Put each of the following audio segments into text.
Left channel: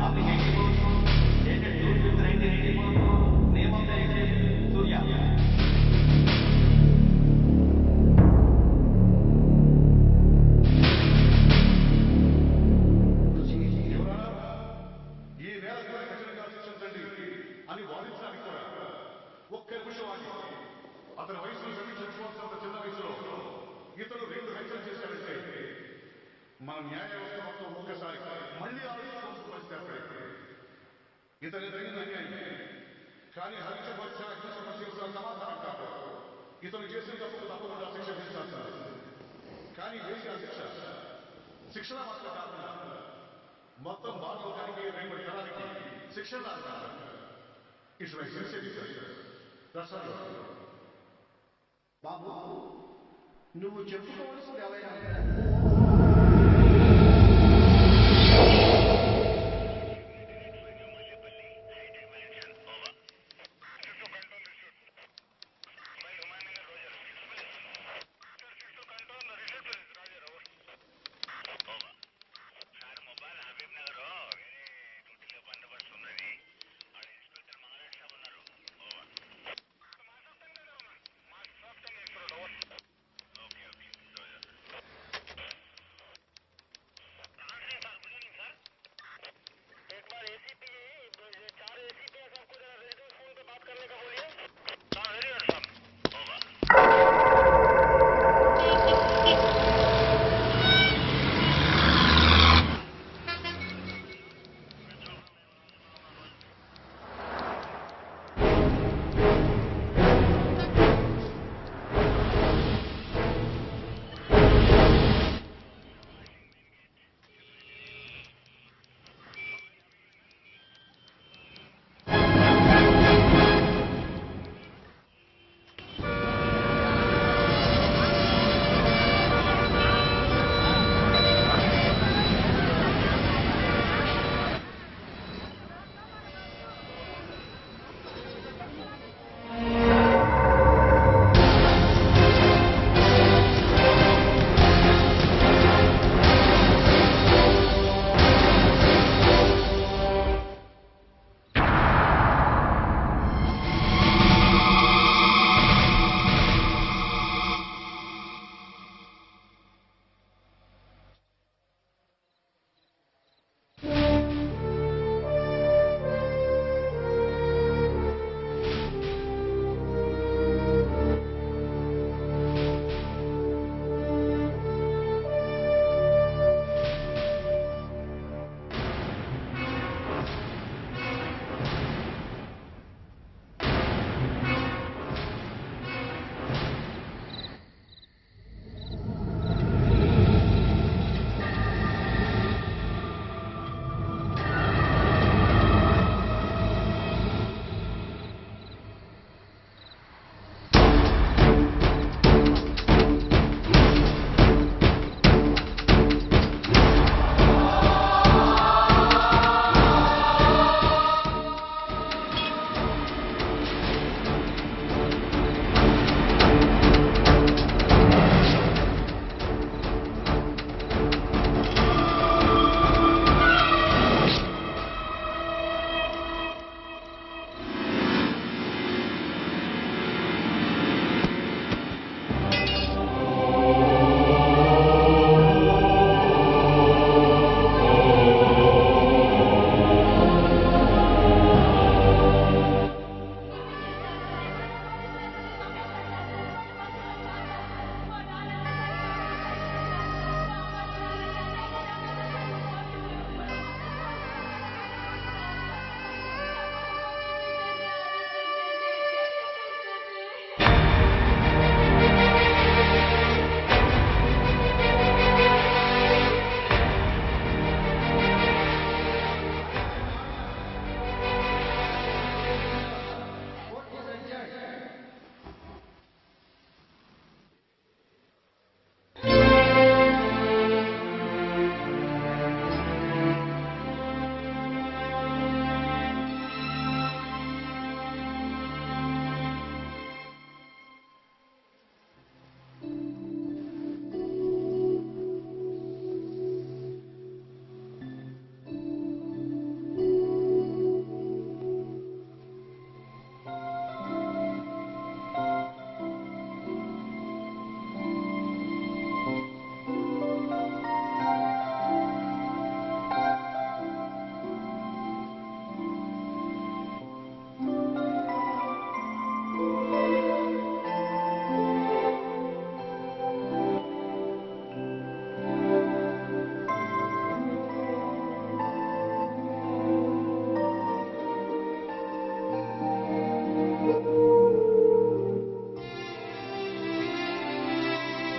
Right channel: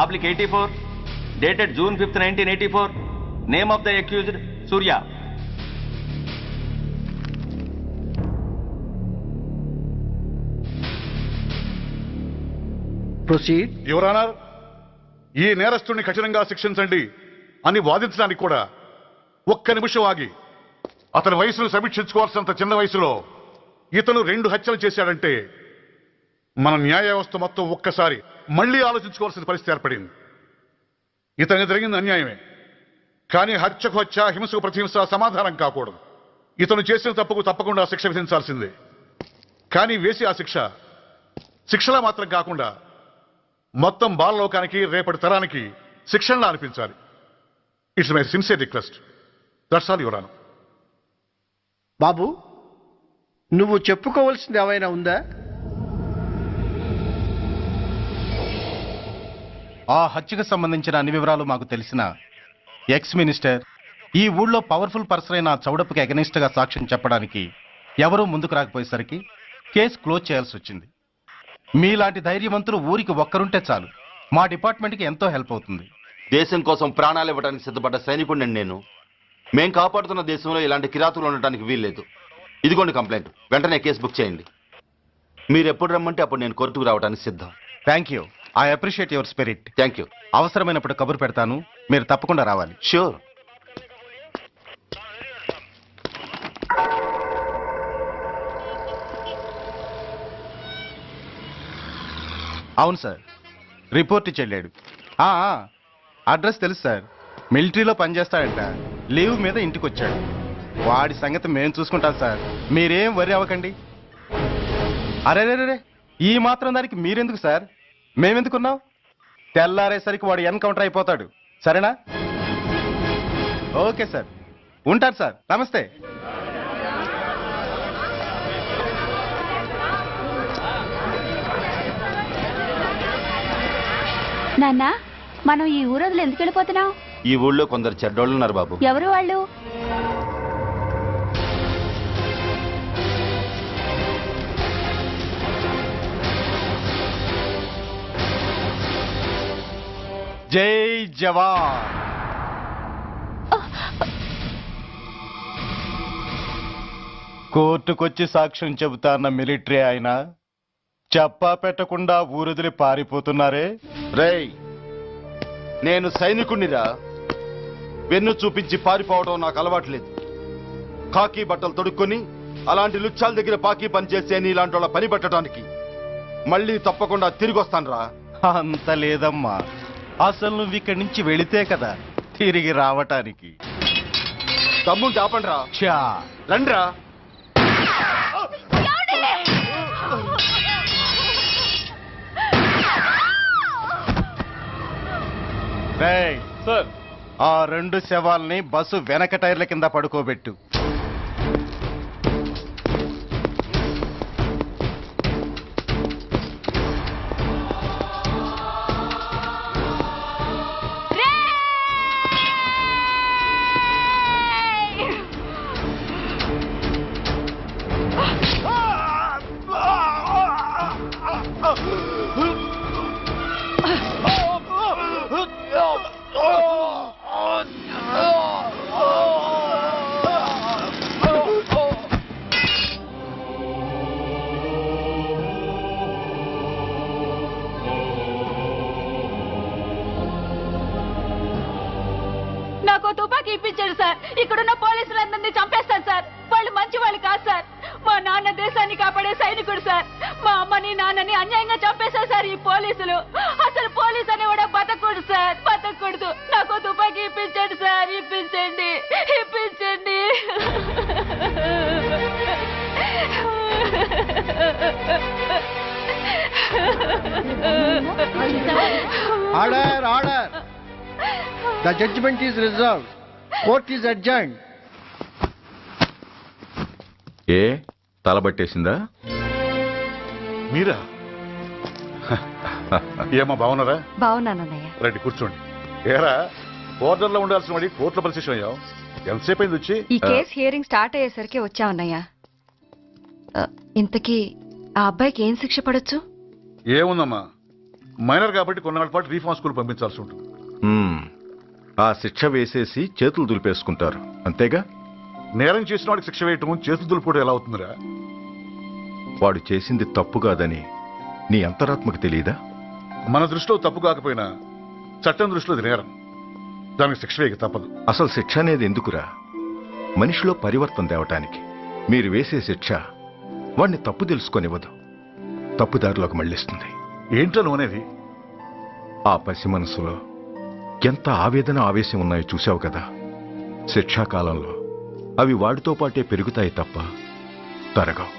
Oblique 84, dated June 5th, 1984. Name of the accused, Surya. Proceed. Your honour, ఈ నేరస్తుడిని కఠినంగా శిక్షించండి అని వాదించడానికి కూడా ఒక్క నిమిషం ఆగి అతని వయసును సమీక్షించుకోవాల్సినంత చిన్న వయసులో ఇతను 2 హత్యలు చేశాడంటే మన న్యాయ వ్యవస్థ మొత్తం ఒక్కసారి మళ్లీ ఆలోచించుకోవాల్సిన పరిస్థితి ఏర్పడింది. ఇతనికి జరిగింది అన్యాయమే, కానీ హత్యకు హత్య, హింసకు ప్రతిహింస సమాధానం కాకూడదు. ఇతను చేసిన తప్పుకు తప్పకుండా శిక్ష విధించాల్సిందే. కానీ వేసి ఆ శిక్షలా మాత్రం కాకుండా మొత్తం బాలలోకానికి, రేపటి తరానికి శిక్షణలా అనిపించాలి. It's my sincere request. That's all your honour. బాబు, నువ్వు చెప్పుకోవాల్సింది ఏమైనా ఉందా? ఆ హత్యకు సంబంధించిన అన్ని వివరాలు మాకు తెలిసిన ఎక్స్ మినిస్టర్ ఈ ఊళ్ళో పవర్ఫుల్ పర్సన్ అయిన చౌడప్పకి అగెనిస్ట్ గా సాక్ష్యం చెప్పడానికి ఎవరూ ముందుకు రాకపోయేసరికి కేసు క్లోజ్ చేయాల్సి వచ్చింది. మీలాంటి ధైర్యవంతులు ఊరికి ఒక్కరుంటే చాలు, మా డిపార్ట్మెంట్కి ఎంతో హెల్ప్ అవుతుంది. దేశం కోసం ప్రాణాలు ఇవ్వడానికి సిద్ధపడ్డ సైనికుడిని నేను. మేం కాపాడుతున్న దేశంలో ఇలాంటి కిరాతులు ఉండటానికి వీల్లేదు. ఇదిగోండి కంప్లైంట్, వెంటనే కేసు బుక్ చేయండి. మీరు ఎప్పుడు రమ్మంటే అప్పుడు నేను కోర్టుకు రావడానికి సిద్ధం. Thank you, I appreciate your spirit. Thank you. అవసరమైనప్పుడు కబురు పెడతాను, మీరు తప్పకుండా రావాలి. షూర్. అవును సార్, రిపోర్ట్ ఇచ్చి వెళ్ళాడు. అడ్రస్ తెలుసు సార్, మిలిటరీలో పనిచేస్తాడంట. లీవ్ మీద ఇంటికి వచ్చాడు. వాడి సంగతి మేము చూసుకుంటాం సార్, మీరేం వరి అవ్వకండి. అరే ఈ మాత్రం దానికి మీరెందుకు సార్, మేమెందుకున్నాం? తెల్లారేసరికి వాడు ఎన్కౌంటర్ అయిపోతాడు. సరేనా? ఓకే సార్, ఉంటారు సార్. నమస్తే. నాన్న, మనం ఈ ఊరొదిలి ఎందుకు వెళ్ళిపోతున్నాం? ఈ ఊళ్ళో కొందరు చెడ్డోళ్ళు ఉన్నారు బాబు. ఎవరు వాళ్ళు? జై జవాన్. కోర్టుకొచ్చి సాక్ష్యం చెబుతాన్న మిలిటరీ ఆయన చెప్పా పెట్టకుండా ఊరుదిలి పారిపోతున్నారే. రేయ్, నేను సైనికుణ్ణిరా. వెన్ను చూపించి పారిపోవడం నాకు అలవాట్లేదు. కాకి బట్టలు తొడుక్కొని అలాంటి లుచ్చాల దగ్గర పాకి పనిచేసే ఇలాంటి వాళ్ళ పని పెట్టడానికి మళ్ళీ తప్పకుండా తిరిగి వస్తాను రా. అంత లేదమ్మా, అసలు నువ్వు ఇక్కడి నుంచి వెళితే కదా తిరిగి రావటానికి. తమ్ముంటే ఆపండి రా. చా రండిరా. రేయ్, ఆ 2 శవాల్ని బస్సు వెనక టైర్ల కింద పడుకోబెట్టు. ఇక్కడున్న పోలీసులందరినీ చంపేస్తారు సార్. వాళ్ళు మంచి వాళ్ళు కాదు సార్. మా నాన్న దేశాన్ని కాపాడే సైనికుడు సార్. మా అమ్మని నాన్నని అన్యాయంగా చంపేశారు సార్ ఈ పోలీసులు. అసలు పోలీసు అని కూడా బతకూడదు సార్, బతకూడదు. నాకు తుపాకీ ఇప్పించండి సార్, ఇప్పించండి, ఇప్పించండి. Order, order. The judgment is reserved. Court is adjourned. ఏ తలబట్టేసిందా? మీరా? ఏమా బాగున్నారా? బాగున్నానన్నయ్య. రండి కూర్చోండి. ఏరా, బోర్డర్లో ఉండాల్సిన వాడి కోర్టులో పరిశీలన అయ్యావు. ఎంతసేపు అయింది వచ్చి? ఈ కేసు హియరింగ్ స్టార్ట్ అయ్యేసరికి వచ్చామన్నయ్య. ఇంతకీ ఆ అబ్బాయికి ఏం శిక్ష పడొచ్చు? ఏముందమ్మా, మైనర్ కాబట్టి కొన్నాళ్ళ పాటు రీఫార్మ్ స్కూల్ పంపించాల్సి ఉంటుంది. ఆ శిక్ష వేసేసి చేతులు దులిపేసుకుంటారు అంతేగా? నేరం చేసిన వాడికి శిక్ష వేయటం చేతులు దులుపుడు ఎలా అవుతుందిరా? వాడు చేసింది తప్పు కాదని నీ అంతరాత్మకు తెలియదా? మన దృష్టిలో తప్పు కాకపోయినా చట్టం దృష్టిలో అది నేరం. దానికి శిక్ష వేయక తప్పదు. అసలు శిక్ష అనేది ఎందుకురా? మనిషిలో పరివర్తన తేవటానికి. మీరు వేసే శిక్ష వాడిని తప్పు తెలుసుకొనివ్వదు, తప్పుదారిలోకి మళ్ళిస్తుంది. ఏంటో నువ్వనేది? ఆ పసి మనసులో ఎంత ఆవేదన ఆవేశం ఉన్నాయో చూసావు కదా. శిక్షాకాలంలో అవి వాడితో పాటే పెరుగుతాయి తప్ప తరగవు.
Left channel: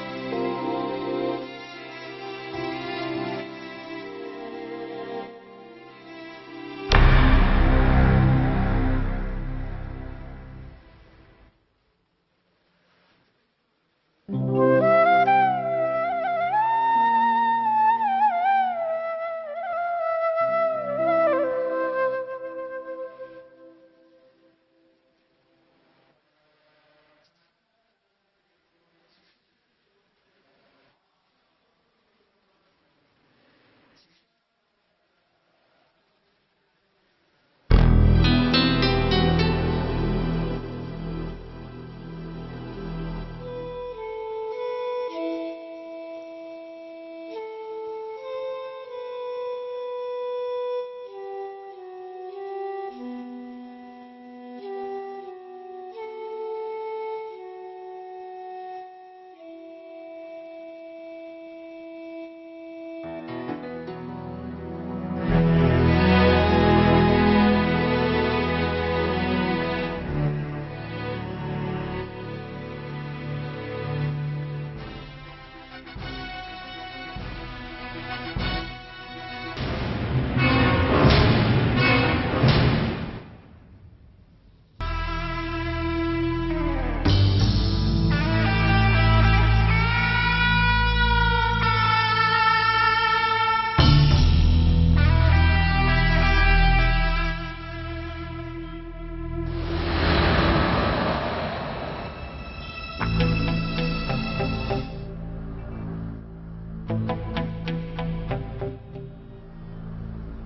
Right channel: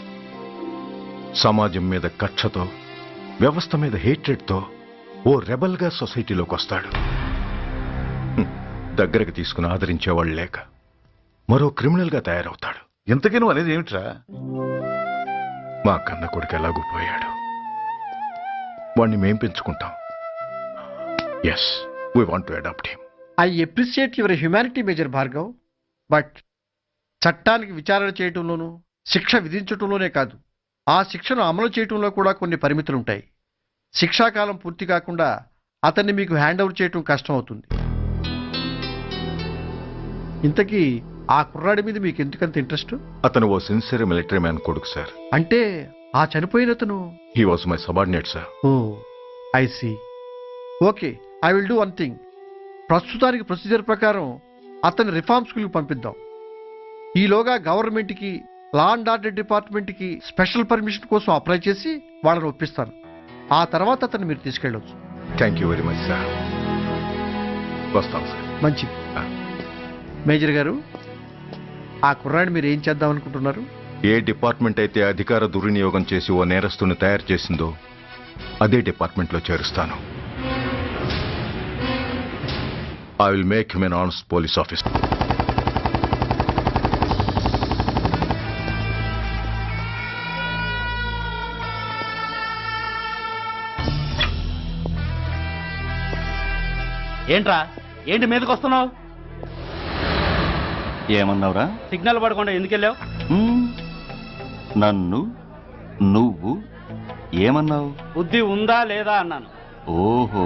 సమాజం మీద కక్షతో, వ్యవస్థ మీద హేట్రెడ్తో ఓ రెబల్గా సొసైటీలోకి వస్తాడు. దగ్గరకు తీసుకుని ఆదరించేవాళ్ళు లేక మరో క్రిమినల్గా తయారవుతాడు. ఇంతకీ నువ్వు అనేది ఏమిట్రా? మా కన్న కొడుకు ఎలాగూ పోయాడు, వాణ్ణి మేం పెంచుకుంటాం. Yes, we want to adopt him. I appreciate your humanity major Bhargav, but చట్టానికి విచారణ చేయటంలోనూ శిక్ష విధించటంలోనే కాదు, ఆ శిక్షను అమలు చేయటంలో కూడా కొన్ని పరిమితులు ఉంటాయి. శిక్షాకాలం పూర్తి కాకుండా అతన్ని మీకు హ్యాండ్ ఓవర్ చేయటం కష్టం అవుతుంది. ఇంతకీ ఆ కుర్రాడి మీద మీకు ఎందుకంత ఇంట్రెస్ట్? అతను ఓ సిన్సియర్ మిలిటరీ మ్యాన్ కొడుకు సార్. అంటే ఆ చనిపోయిన అతను? He was my subordinate sir. Oh I see. Okay, I will do one thing. ప్రస్తుతానికి ప్రొసీజర్ ప్రకారం అతన్ని రిఫార్మ్ స్కూల్కి పంపిద్దాం. ఈలోగా గవర్నమెంట్కి, లా అండ్ ఆర్డర్ డిపార్ట్మెంట్కి స్పెషల్ పర్మిషన్ కోసం అప్లై చేసి వాళ్ళని ఒప్పిస్తాను. ఆ తర్వాత అతన్ని మీరు తీసుకెళ్ళవచ్చు. Thank you very much sir. వస్తాం సార్. మంచిది. మేజర్ గారు, ఆ కుర్రాడిని మీరు ఏం చేద్దాం అనుకుంటున్నారు? ఏ డిపార్ట్మెంట్ అయితే అధికార దుర్వినియోగం చేసి ఓ నేరస్తుని తయారు చేసిందో అదే డిపార్ట్మెంట్లో చేరుస్తాను. I will make him an honest police officer. ఏంట్రా, ఏంటి మీదకి వస్తున్నావు? ఏమన్నావురా? సిగ్నల్ పడకుండా ఎందుకు వెళ్ళావు? నన్ను నువ్వు ఏమన్నావు? బుద్ధి ఉందా లేదా అన్నాను. ఓహో,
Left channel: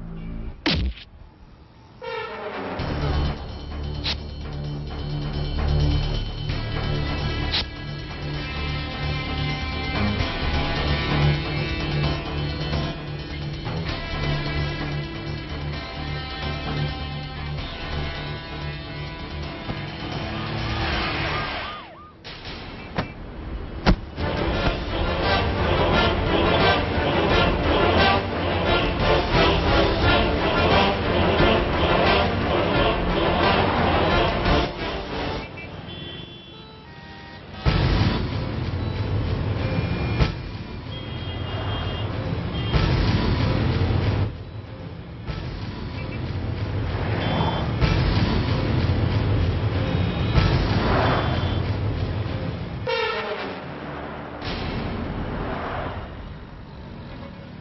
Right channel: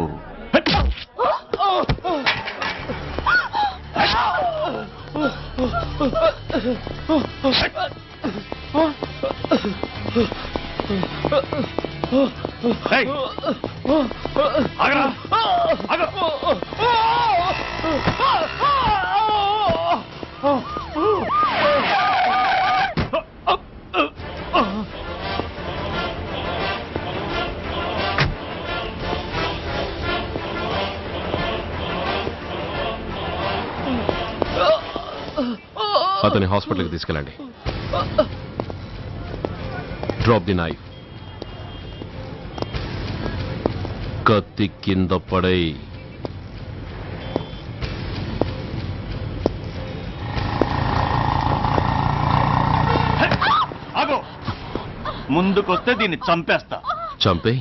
అతని హాస్పిటల్కి తీసుకెళ్ళండి. Drop the knife. కత్తి కింద పడై. ముందుకొస్తే దీన్ని చంపేస్తా. చంపే.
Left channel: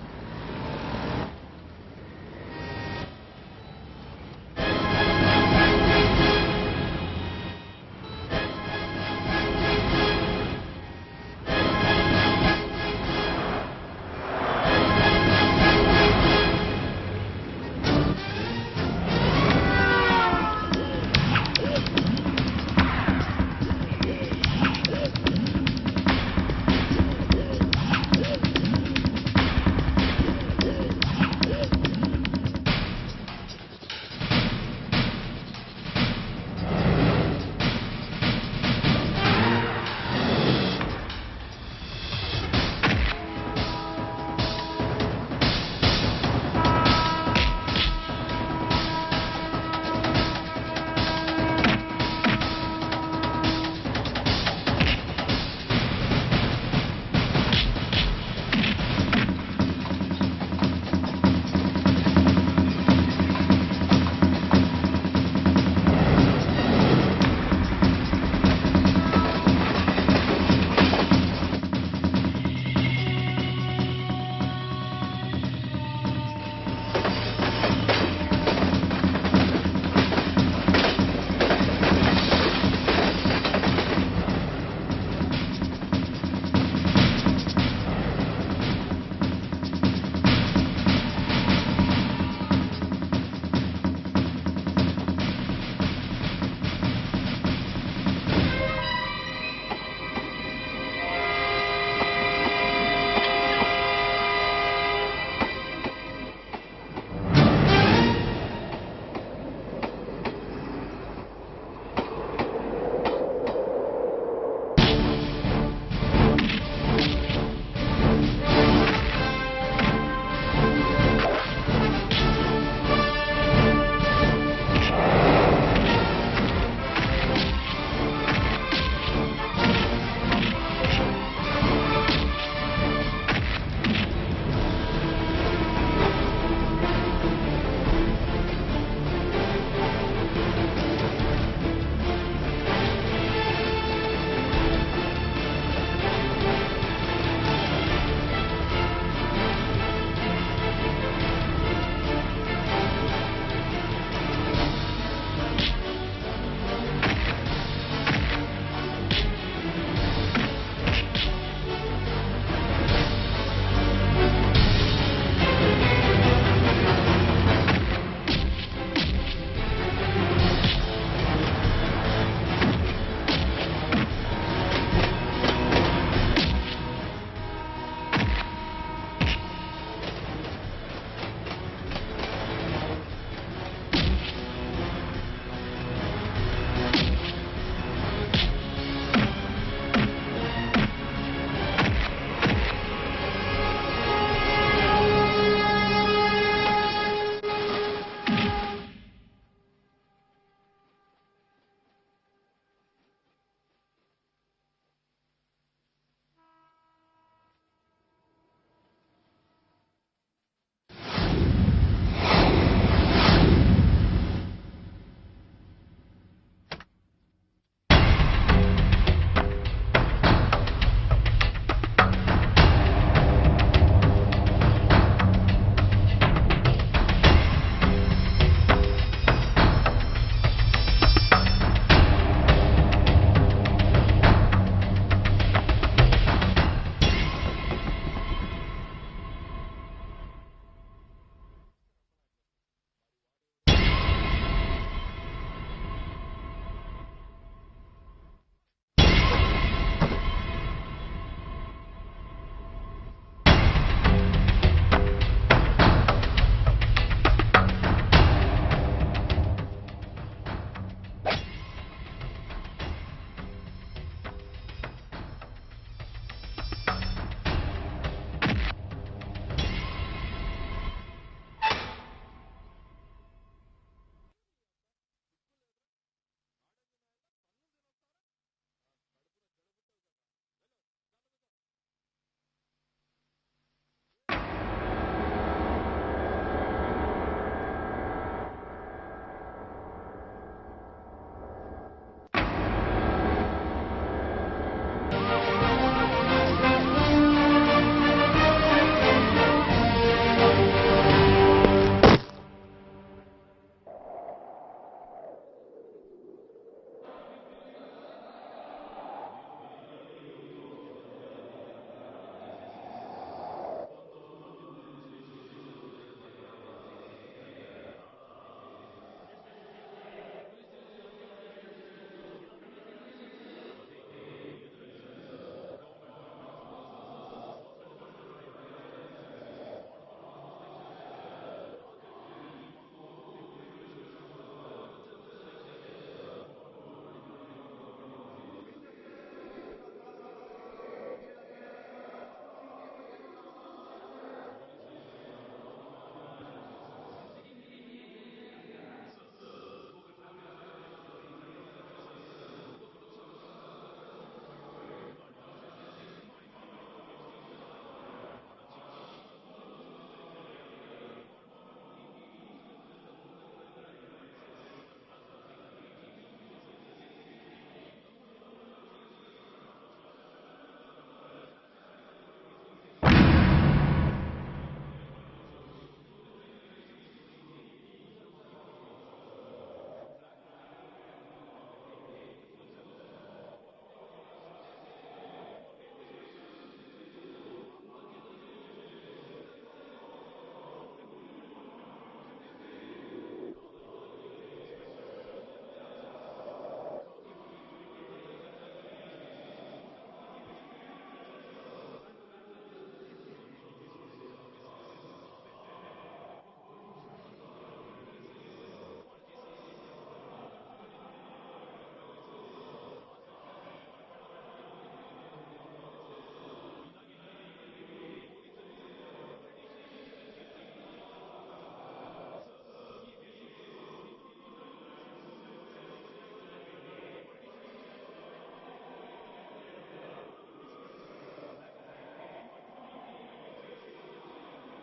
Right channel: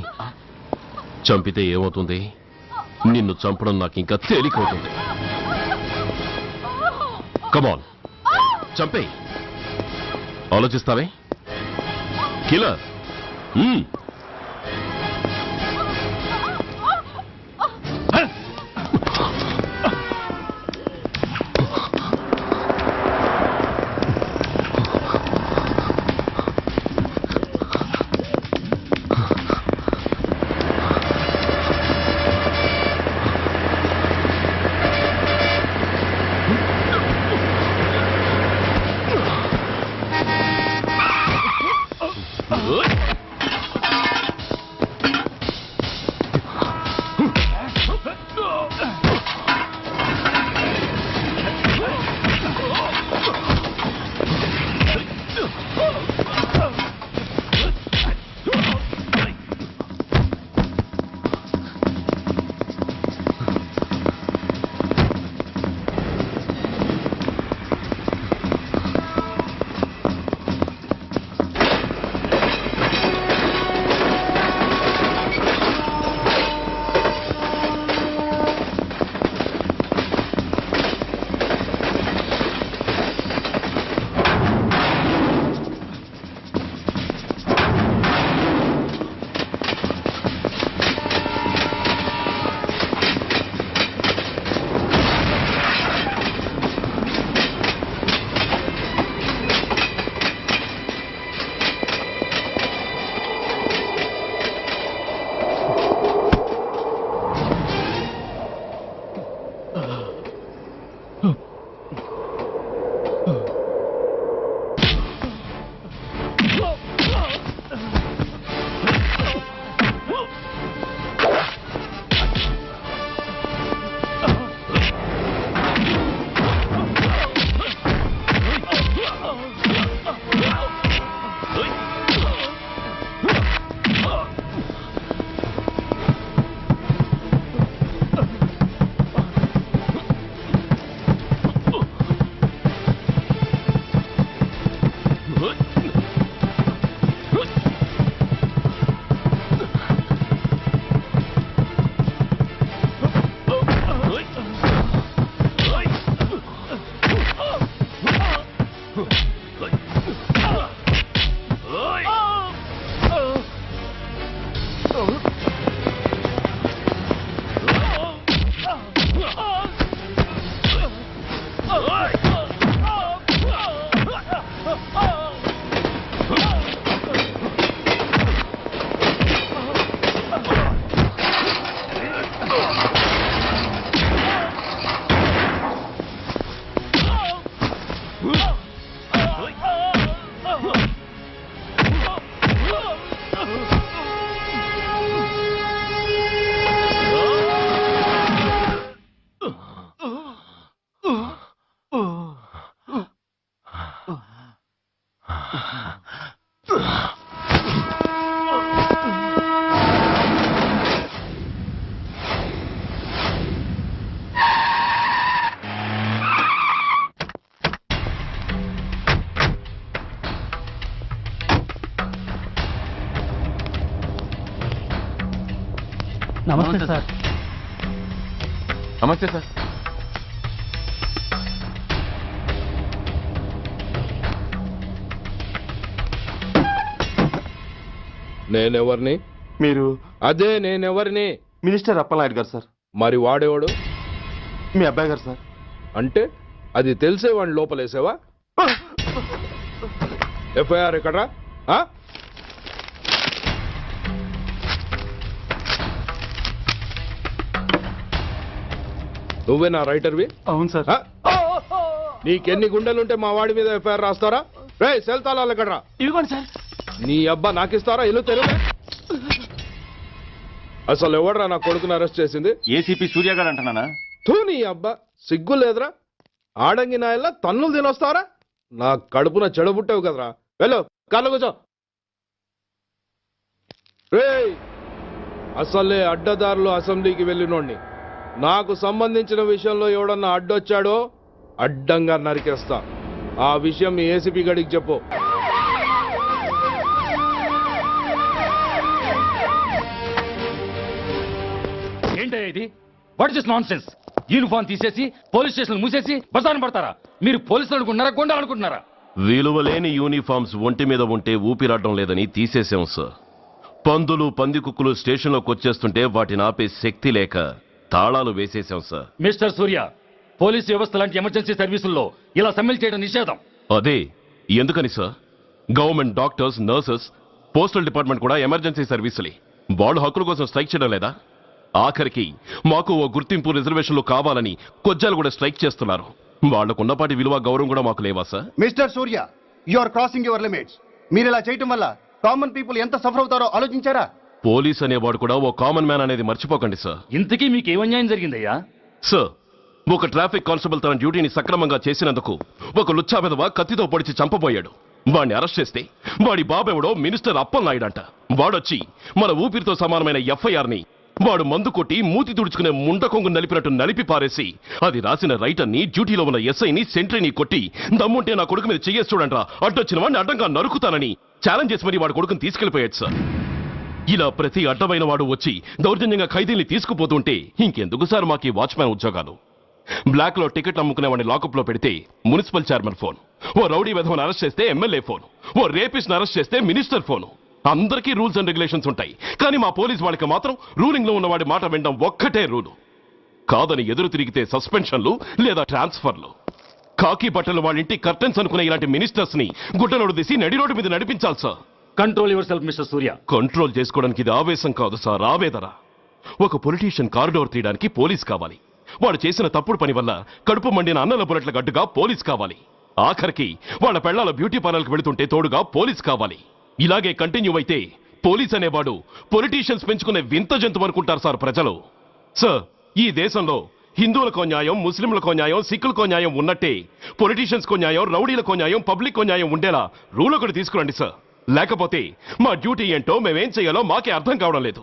చంపితే ఏమవుతుంది? నిన్ను చంపడం నాకు ఇంకా తేలికవుతుంది. కమాన్, చంపే. ఆలోచిస్తావే కిల్లర్? నమస్తే సార్. నేనెవరిని? మీరు అదే నేనెవరిని? మినిస్టర్ అప్పలనాయుడు గారు సార్. మరి వాడేవాడు? మీ అబ్బాయి గారు సార్. అంటే అది తెలిసే వాడిని లోపలేసావా? ఎఫ్ఐఆర్ ఎక్కడ్రా? ఆ? నువ్వేనా రైటర్వి? అవును సార్. ఆ? నీకెన్ని గుండెలుంటే మా వాడి మీద ఎఫ్ఐఆర్ రాస్తారా? రే సెల్ తాళాలు ఎక్కడ్రా? ఇదిగోండి సార్. నీ అబ్బా నాకిస్తారా? ఇల్లు తెరువు. అసలు ఎవడ్రా నా కొడుకుని అరెస్ట్ చేసింది? ఏసీపీ సూర్య గారు అంటున్నానా? తూ నీ అబ్బా సిగ్గు లేదురా? ఆడంగి నాయల్లా తన్నులు తినొస్తారా? నా కడుపున చెడబుట్టావు కదరా. వెళ్ళు కార్లో కూర్చో. రేయ్ అసలే అడ్డదారులు అసెంబ్లీకి వెళ్ళినోడిని. నాకు సంబంధించిన విషయంలో ఎవడన్నా అడ్డొచ్చాడో అడ్డంగా నరికేస్తా. ఆ విషయం మీ ఏసీపీ గడికి చెప్పు. ఏంటయ్యా ఇది? What is non sense? Uniform తీసేసి పోలీస్ స్టేషన్ మూసేసి బజారు పడతారా? మీరు పోలీసులు అనుకుంటున్నారా, గుండాలు అనుకుంటున్నారా? విలువలేని యూనిఫామ్స్ ఒంటి మీద ఉంటే ఊపిరాడడం లేదని తీసేసాం సార్. పందులు పందికుక్కులు స్టేషన్లోకి వచ్చేస్తుంటే వాటిని ఆపే శక్తి లేక తాళాలు వేసేసాం సార్. మిస్టర్ సూర్య, పోలీస్ వ్యవస్థ లాంటి ఎమర్జెన్సీ సర్వీసుల్లో ఇలా సమ్మెలు చేయడం నిషేధం. అదే ఎందుకని sir? Government doctors, nurses, postal department కూడా ఎమర్జెన్సీ సర్వీసులే. వాళ్ళు హక్కుల కోసం స్ట్రైక్ చేయడం లేదా? ఆఖరికి మాకు ఓ గుర్తింపు రిజర్వేషన్లు కావాలని కొజ్జాలు కూడా స్ట్రైక్ చేస్తున్నారు. వాళ్లకున్నపాటి విలువ గౌరవం కూడా మాకు లేవా sir? Mister Surya, you are crossing your limits. మీరు ఇలా చేయటం వల్ల కామన్ పీపుల్ ఎంత సఫర్ అవుతారో ఆలోచించారా? పోలీస్ అనేవాడు కూడా ఓ కామన్ మ్యాన్ అనేది మర్చిపోకండి సార్. ఇంతకీ మీకు ఏం అన్యాయం జరిగిందయ్యా? సార్, ఒక ట్రాఫిక్ కానిస్టేబుల్ తన డ్యూటీని సక్రమంగా చేసినందుకు ఒక లుచ్చా విధవ కత్తితో పొడిచి చంపబోయాడు. వాడిని అరెస్ట్ చేస్తే వాడి బాబెవడో మినిస్టర్ అప్పలనాయుడు అంట. వాడొచ్చి మన ఊపిరితో సమానమైన ఎఫ్ఐఆర్ని వాడు మందు కొట్టి మూతి తుడుచుకునే ముండకొంగు నలిపినట్టు నలిపి పారేసి అది రాసిన రైటర్ని, డ్యూటీలో ఉన్న ఎస్ఐని, సెంట్రీని కొట్టి దమ్ముంటే నా కొడుకు మీద చెయ్యేసి చూడంట్రా, అడ్డొచ్చిన వాడిని అడ్డంగా నరుకుతానని ఛాలెంజ్ చేసి మరి వాడు కొడుకుని తీసుకెళ్లిపోయాడు సార్. ఇలా ప్రతి అడ్డమైన వాడు వచ్చి దౌర్జన్యంగా ఖైదీల్ని తీసుకుపోతుంటే ఇంకెందుకు సార్ మాకు ఈ వాచ్మ్యాన్ ఉద్యోగాలు? బ్లాక్ లో టికెట్ అమ్ముకునే వాడిని లాకప్ లో పెడితే మున్సిపల్ చైర్మన్ ఫోన్, ఓ రౌడీ విధవను అరెస్ట్ చేస్తే ఎమ్మెల్యే ఫోన్, ఓ రేపిస్ట్ అరెస్ట్ చేస్తే మినిస్టర్ ఫోన్. అందరికీ రూల్స్ అండ్ రెగ్యులేషన్స్ ఉంటాయి, కానీ మా పోలీస్ వాళ్ళకి మాత్రం రూలింగ్ లో ఉన్న వాడి మాట వినడం ఒక్కటే రూలు. కాదని ఎదురు తిరిగితే సస్పెన్షన్లు లేదా ట్రాన్స్ఫర్లు. కాకి బట్టలు వాళ్ళ ఇంటి కర్టెన్స్ అనుకునే ఇలాంటి మినిస్టర్స్ ని గుడ్డలోడు తీసి నడి రోడ్డు మీద నడిపించాలి sir. Control your self mister Surya. Control చేసుకోవడానికి ఇది ఆవేశం కాదు సార్, ఆవేదన. ఒక పొలిటీషియన్ కారిడోర్ తీయడానికి పోలీస్ కావాలి. వాడు చేసిన తప్పుడు పని వల్ల కడుపు మండిన అన్నల బుల్లెట్ల గడ్డుగా పోలీస్ కావాలి. ఆఖరికి వాళ్ళ పెళ్లాల బ్యూటీ పార్లర్కి వెళుతుంటే తోడుగా పోలీస్ కావాలి. ఇలాగే కంటిన్యూ అయితే పోలీస్ అనేవాడు పొలిటీషియన్స్ పెంచుకునే వింత జంతువు అనుకుంటారు సార్ ప్రజలు. సార్, ఈ దేశంలో హిందువులకో న్యాయం, ముస్లింలకో న్యాయం, సిక్కులకో న్యాయం ఉన్నట్టే పొలిటీషియన్స్కో న్యాయం, రౌడీలకో న్యాయం, పబ్లిక్కో న్యాయం ఉండేలా రూల్ ఒకటి తీసుకురండి సార్. లేకపోతే మా డ్యూటీ ఏంటో మేమేం చేయాలో మాకే అర్థం కావడం లేదు.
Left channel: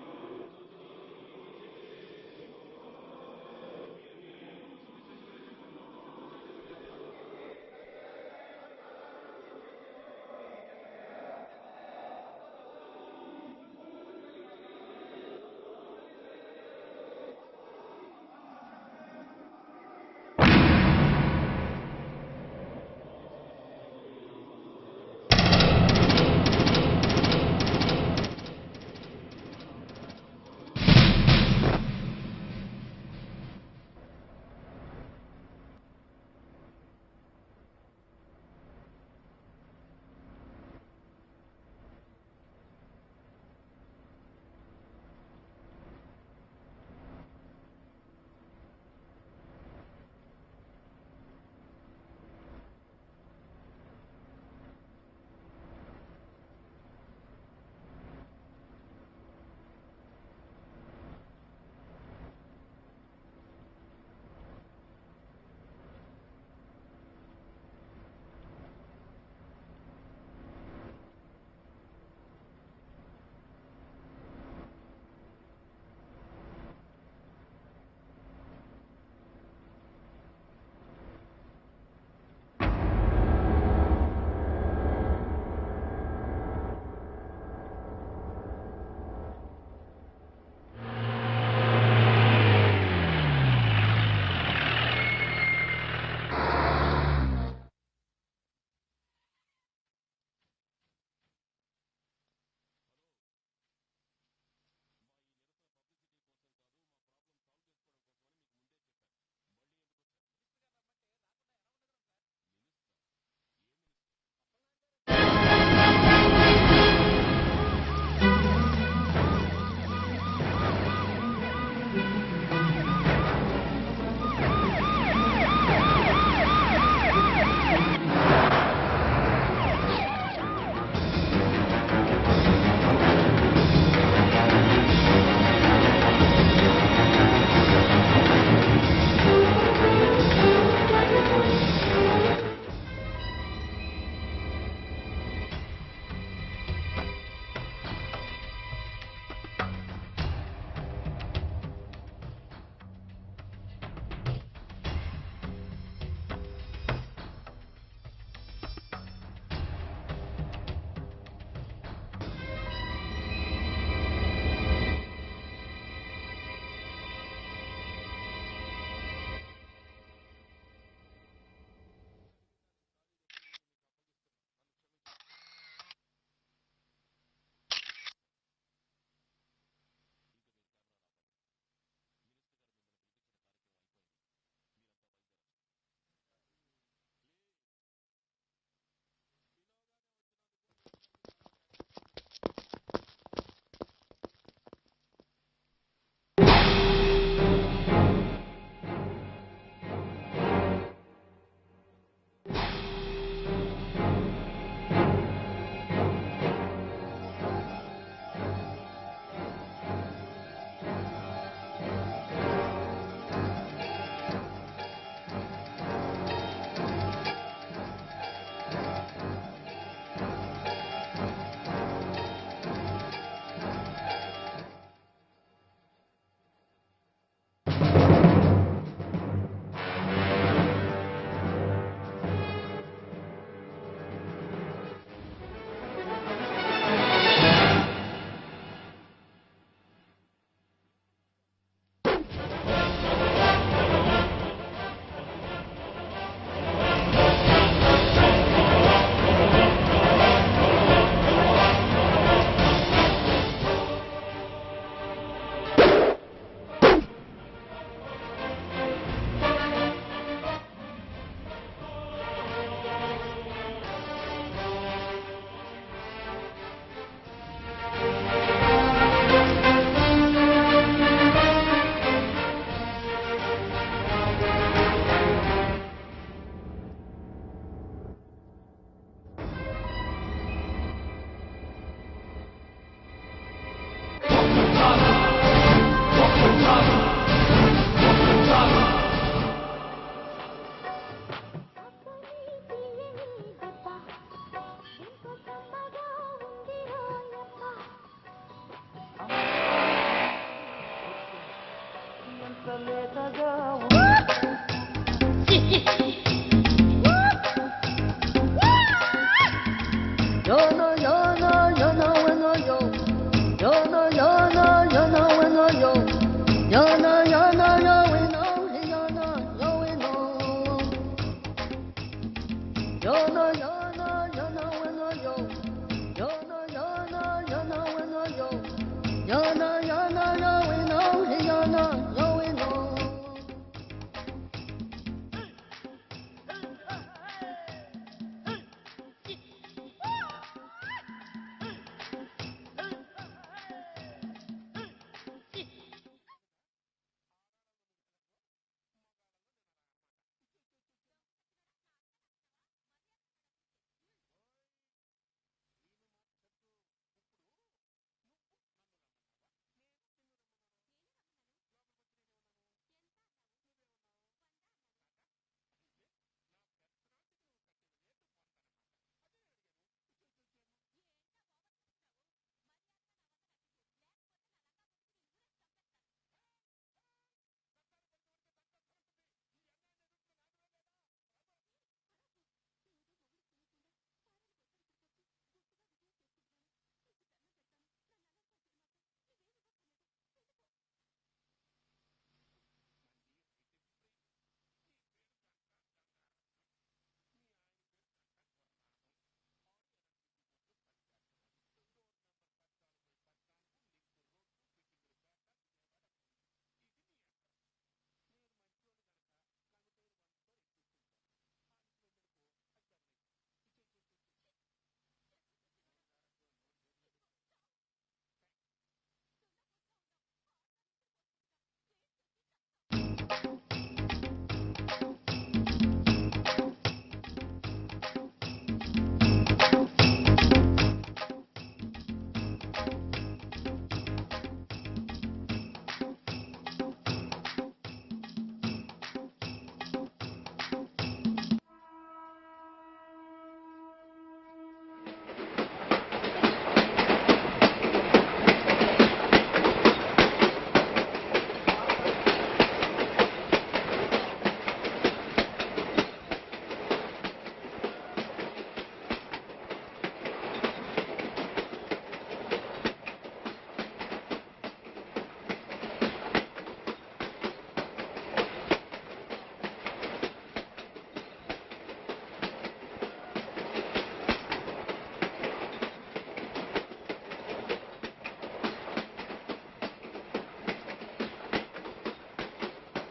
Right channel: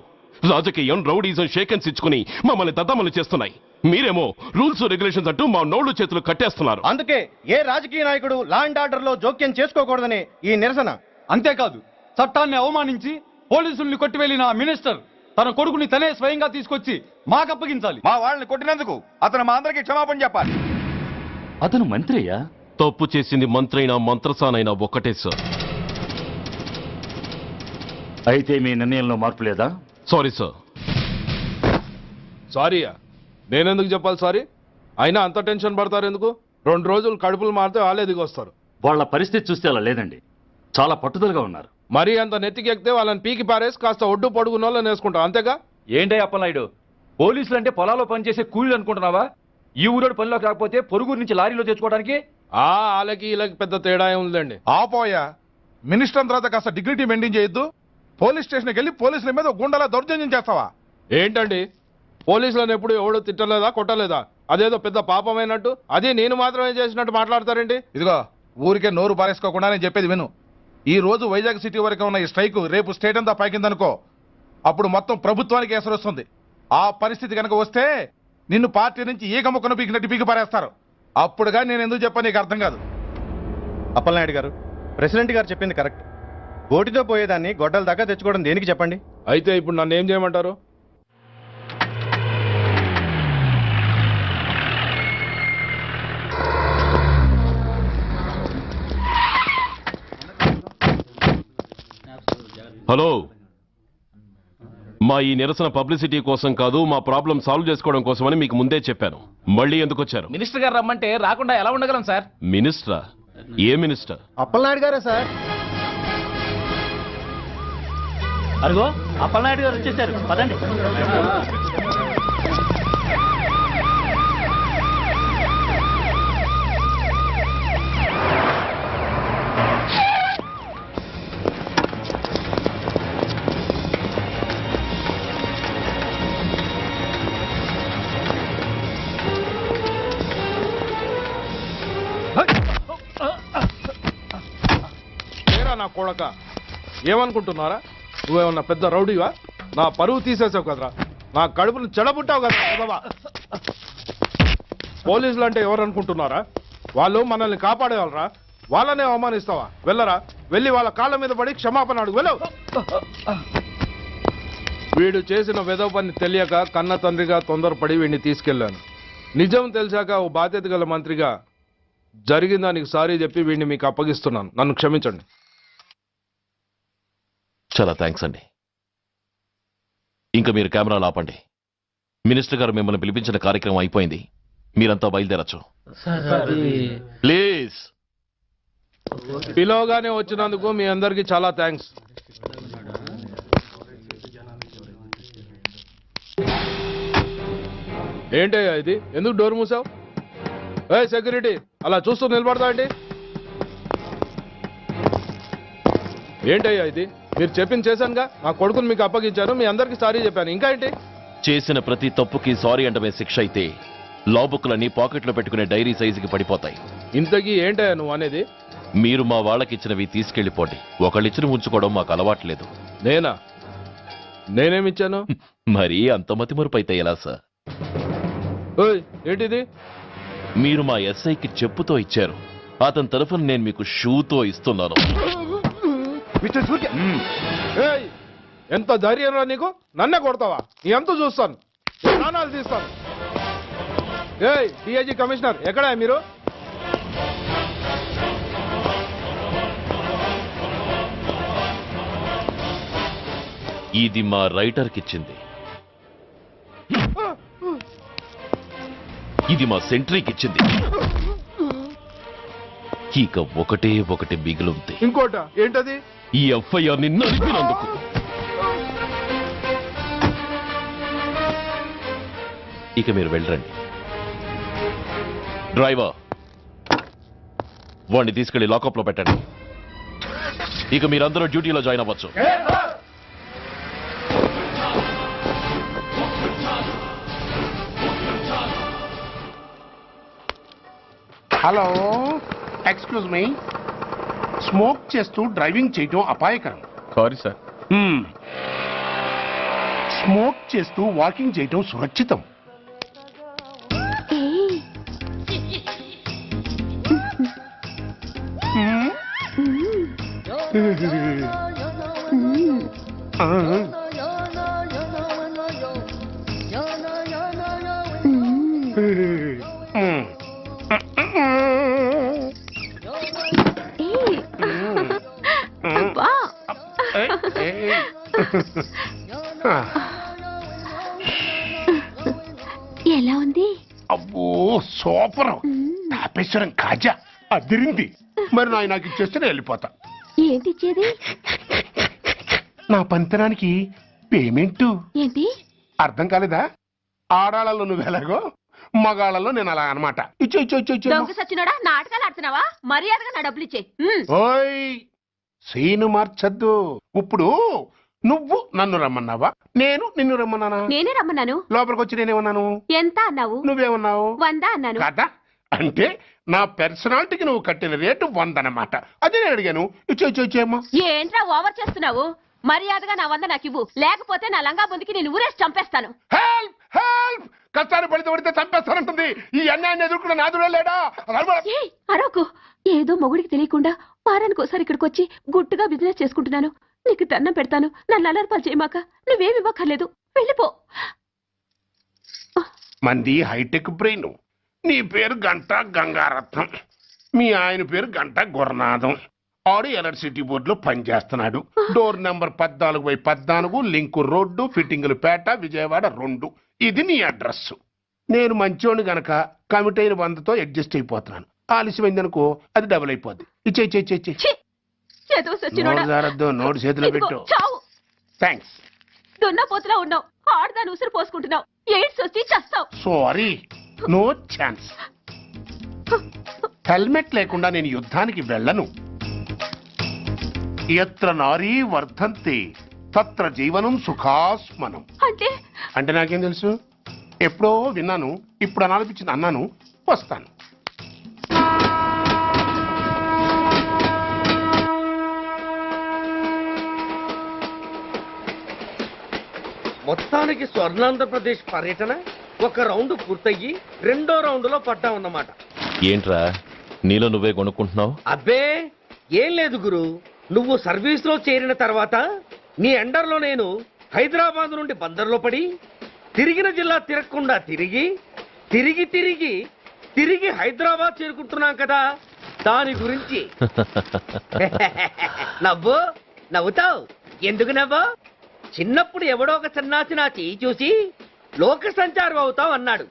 రాజకీయం, రౌడీజం షేకెన్స్ ఇచ్చుకుని మమ్మల్ని దద్దమలు చేస్తున్నాయి. మీరేమో రూల్స్ రెగ్యులేషన్స్ అంటూ మా నోళ్లు చేతులు కట్టేస్తున్నారు. అందుకే ఏ రాజకీయ నాయకుడు లా అండ్ ఆర్డర్ లో జోక్యం చేసుకోకూడదని ఈ నిరసన. అంతేకాదు, చట్టాన్ని అవమానించి పోలీసుల్ని కొట్టివెళ్లిన మినిస్టర్ తన కొడుకుని తనే స్వయంగా తీసుకొచ్చి మాకు అప్పగించాలి. మా వాళ్ళని కొట్టినందుకు అతను మా అందరికీ క్షమాపణ చెప్పాలి. అతను మంత్రి అయ్యా. తప్పు చేసింది మంత్రి అయినా మంత్రసానైనా ఒక్కటే సార్. అయితే మీ నిర్ణయంలో మార్పు లేదా? Sorry sir. సారీయా? నేనెందుకు చెప్పాలి సారీ? అయినా అంత టెన్షన్ పడతారు ఎందుకు? 2 రోజులు కడుపులు మారితే వాళ్ళే దిగొస్తారు. వాళ్ళ పరిస్థితి చూస్తే అలా లేదండి, చాలా పట్టుదలగా ఉన్నారు. మరీ అంత నెత్తికెక్కితే వాళ్ళని పీకి పారేసి కాస్త ఒడ్డు పొడుగున్న వాళ్ళని వేసుకుంటాం, అంతేగా? ఏంటే అప్పలనాయుడు, పోలీసులు అంటే పొలాల్లో పనిచేసే కూలీలు అనుకుంటున్నావా? ఈ ఊరోడు పనిలోకి రాకపోతే పొరుగురు నుంచి లారీలో తెచ్చుకోవడానికి వాళ్ళకి వీళ్ళకి పెద్ద తేడా ఉందండి. ఆపోయా, మినిస్టర్ తర్వాత కాస్త డిగ్నిటీ మెయింటైన్ చేయొద్దు. పోలీస్ స్టేషన్కి వెళ్ళి పోలీసుల మీద గుండెలా దౌర్జన్యం చేస్తావా? ఏంటండి, పోలీసులను ఎప్పుడు ఎవడు తిట్టలేదా, కొట్టలేదా? అదేదో పెద్ద పాపమైనట్టు అది నేను మాత్రమే చేసినట్టు మాట్లాడతారేంటి? ఇదిగో, ఊరికే నోరు పారేసుకోకుండా నేను చెప్పేది విను. ఈ రోజు వైజాగ్ సిటీ వరకు ఉన్న ఈ స్ట్రైక్ రేపు స్టేట్ అంతా పైకిందనుకో, అప్పుడు మొత్తం ప్రభుత్వానికి ఎసరు వస్తుంది. ఆ పరిస్థితి కనుక వస్తే నిన్ను పార్టీ నుంచి ఈగ ముక్కను పీకినట్టు పీకి పారేస్తారు. అప్పుడుగా నేను ఎందుకు చెప్పా నీకు అర్థం కాదు. అప్పలనాయుడు గారు, ప్రెసిడెంట్ గారు చెప్పింది కరెక్ట్. ఓటితో పోయేదాన్ని గొడ్డల దాకా తెచ్చుకోవడం దేనికి చెప్పండి? అయితే ఇప్పుడు నన్ను ఏం చేయమంటారు? హలో, మా ఈ నిరసన పబ్లిసిటీ కోసం కాదు, మా ప్రాబ్లం సాల్వ్ చేసుకోవడం కోసమని మీకు ముందే చెప్పాను. మళ్ళీ ఎందుకు వచ్చారు? మినిస్టర్ గారు రమ్మంటే రాకుండా ఎలా ఉండగలం సార్? మినిస్టరా? ఏ మినిస్టర్? అప్పలనాయుడు గారే సార్. అదిగో అప్పలనాయుడు గారు వచ్చేసారు, పదండి. నా కొడక ఏమనుకుంటున్నారా? నువ్వేమన్నా పెద్ద రౌడీవా? నా పరువు తీసేసావు కదరా, నా కడుపును చెడబుట్టావు కదా. పోలీసులు అంటే ఎవరు అనుకుంటున్నారా? వాళ్ళు మనల్ని కాపాడేవాళ్ళరా, వాళ్ళనే అవమానిస్తావా? వెళ్ళరా, వెళ్ళి వాళ్ళ కాళ్ళ మీద పడి క్షమాపణ అడుగు, వెళ్ళవు. వీడు చేసిన వెధవ పని తెలియక కన్న తండ్రిగా తొందరపడి వీడిని తీసుకెళ్లాను. నిజం తెలిసాక ఓ బాధ్యత గల మంత్రిగా జరిగిన దానికి సారీ చెప్పి వీడిని మీకు అప్పగిస్తున్నాను. నన్ను క్షమించండి. చాలా థ్యాంక్స్ అండి. ఇంకా మీరు కెమెరాలు ఆపండి. మినిస్టర్ గారు మిమ్మల్ని పిలిపించిన కార్యక్రమం అయిపోయింది, మీరంతా బయలుదేరచ్చు. ప్లీజ్. పిలవగానే వచ్చినందుకు మీ అందరికీ చాలా థ్యాంక్స్. ఏంటయ్యా ఇది? ఎందుకు డోర్ మూసావు? ఏ సెక్యూరిటీ, అలా చూస్తూ నిలబడతా ఏంటి? ఏంటయ్యా ఇది? మీరు చెప్పింది చేశానుగా, నా కొడుకుని మీకు అప్పగించాను, మీ అందరికీ సారీ చెప్పాను, ఇంకా ఏంటి? చేసిన ప్రతి తప్పుకి సారీ అంటమే శిక్ష అయితే లా బుక్లన్నీ పాకెట్లో పెట్టుకునే డైరీ సైజుకి పడిపోతాయి. ఇంతకీ ఏంటయ్యా నువ్వు అనేది? మీరు మా వాళ్ళకిచ్చినవి తీసుకెళ్లిపోండి. ఒకళ్ళిచ్చిన ఉంచుకోవడం మాకు అలవాట్లేదు. నేనా? నేనేమిచ్చాను? మరి అంత మతిమరుపు అయితే ఎలా సార్? ఏంటిది? మీరు మా ఎస్ఐకి చెప్పుతో ఇచ్చారు, అతని తరఫున నేను మీకు షూతో ఇస్తున్నాను. ఎంత ధైర్యం రా నీకు? నన్నే కొడతావా? నీ ఎంత చూస్తాను, ప్రాణాలు తీస్తాను. డిఐజీ కమిషనర్ ఎక్కడా మీరు? ఇది మా రైటర్కి ఇచ్చింది, ఇది మా సెంట్రీకి ఇచ్చింది. ఇక ఒకటే ఒకటి మిగిలింది. ఇంకోట ఏంటది? ఈ ఎఫ్ఐఆర్ ని నడిపినందుకు. ఇక మీరు వెళ్ళండి. డ్రైవర్, వాడిని తీసుకెళ్లి లాకప్ లో పెట్టండి. ఇక మీరందరూ డ్యూటీలో జాయిన్ అవ్వచ్చు. Hello, excuse me. స్మోక్ చేస్తూ డ్రైవింగ్ చేయటం అపాయకరం. Sorry sir. స్మోక్ చేస్తూ వాకింగ్ చేయటం సురక్షితం. ఎలా ఉంది? అబ్బో సూపర్. తాపేశ్వరం కాజా అదిరింది. మరి నాకు ఇచ్చేస్తే నేను వెళ్ళిపోతా. ఏంటి ఇచ్చేది? నా పంతనానికి పేమెంట్. ఏంటి అర్థం కాలేదా? ఆడాళ్ళలో నువ్వు ఎలాగో, మగాళ్ళలో నేను అలా అనమాట. ఇచ్చో ఇచ్చో ఇచ్చో ఇచ్చో. దొంగ సచ్చినోడా, నాటకాలు ఆడుతున్నావా? మర్యాదగా నా డబ్బులు ఇచ్చే. ఓయ్ సీను మార్చద్దు. ఇప్పుడు నువ్వు నన్ను రమ్మన్నావా, నేను నిన్ను రమ్మన్నానా? నేనే రమ్మన్నాను. లోపలికి వచ్చి నేనేమన్నాను? ఎంత అన్నావు? నువ్వేమన్నావు? 100 అన్నాను. కదా, అంటే నా పర్సనాలిటీకి నువ్వు కట్టిన రేటు 100 అన్నమాట. అదే నేను అడిగాను. ఇచ్చో ఇచ్చో ఇచ్చేమ్మా. ఏంట్రా ఓవర్ చేస్తున్నావు? మర్యాదగా నా 100 నాకు ఇవ్వు, లేకపోతే నా లంగా బొందికి నేను ఊరేసి చంపేస్తాను. Help help. కష్టాన్ని పడితే చంపేస్తానంటుంది. ఈ అన్యాయాన్ని ఎదుర్కొన్న నాదుడే లేడా? అరకు ఏదో మొగుడికి తెలియకుండా వారానికి ఒకసారి ఇక్కడికి వచ్చి గుట్టుగా బిజినెస్ చేసుకుంటున్నాను. నీకు దండం పెడతాను, నన్ను అలర్పాలు చేయమాక. నువ్వేమి ఇవ్వక్కర్లేదు, వెళ్ళిపో. మంది హైటెక్ బ్రెయిన్. నీ పేరు గంట గంగారత్నం, మీ ఆయన పేరు గంట గురునాథం. ఆడు ఎలక్ట్రిసిటీ బోర్డులో పనిచేస్తున్నాడు. డోర్ నెంబర్ 14/14, లింకు రోడ్డు, ఫిట్టింగులు పేట, విజయవాడ 2. ఇది నీ అడ్రస్. నేను మంచోని గనక కమిట్ అయిన 100తో అడ్జస్ట్ అయిపోతున్నాను. ఆలస్యమైందనుకో అది డబుల్ అయిపోద్ది. ఇచ్చే నోటు చేతిలో పెట్టు. థ్యాంక్స్. దున్నపోతులా ఉన్నావు, ఆడదాని ఉసురు పోసుకుంటున్నావు, ఎయిడ్స్ వచ్చి చస్తావు. Sorry, no chance. హెల్మెట్ లేకుండా నేను యుద్ధానికి వెళ్ళను. ఎత్ర నారీ వర్ధంతి తత్ర జీవనం సుఖాస్మనం. అంటే నాకేం తెలుసు? ఎప్పుడో విన్నాను, ఇప్పుడు అనాలపించింది అన్నాను. వస్తాను. మొత్తానికి స్వర్ణాంధ్రప్రదేశ్ పర్యటన ఒక రౌండ్ పూర్తయ్యి 2వ రౌండ్లో పట్టామన్నమాట. ఏంట్రా నీలో నువ్వే కొనుక్కుంటున్నావు? అబ్బే ఏం లేదు గురు, నువ్వు సర్వీస్ లో చేరిన తర్వాత నీ అండర్లో నేను హైదరాబాద్ నుండి బందర్లో పడి తిరిగిన జిల్లా తిరగకుండా తిరిగి తిరిగి తిరిగి తిరిగి హైదరాబాద్ చేరుకుంటున్నాం కదా, దాని గురించి. నవ్వుతావు ఎందుకు నవ్వు? చిన్నప్పుడు ఎవడో ఒక సన్నాసి నా చెయ్యి చూసి లోక సంచారం అవుతావు అన్నాడు.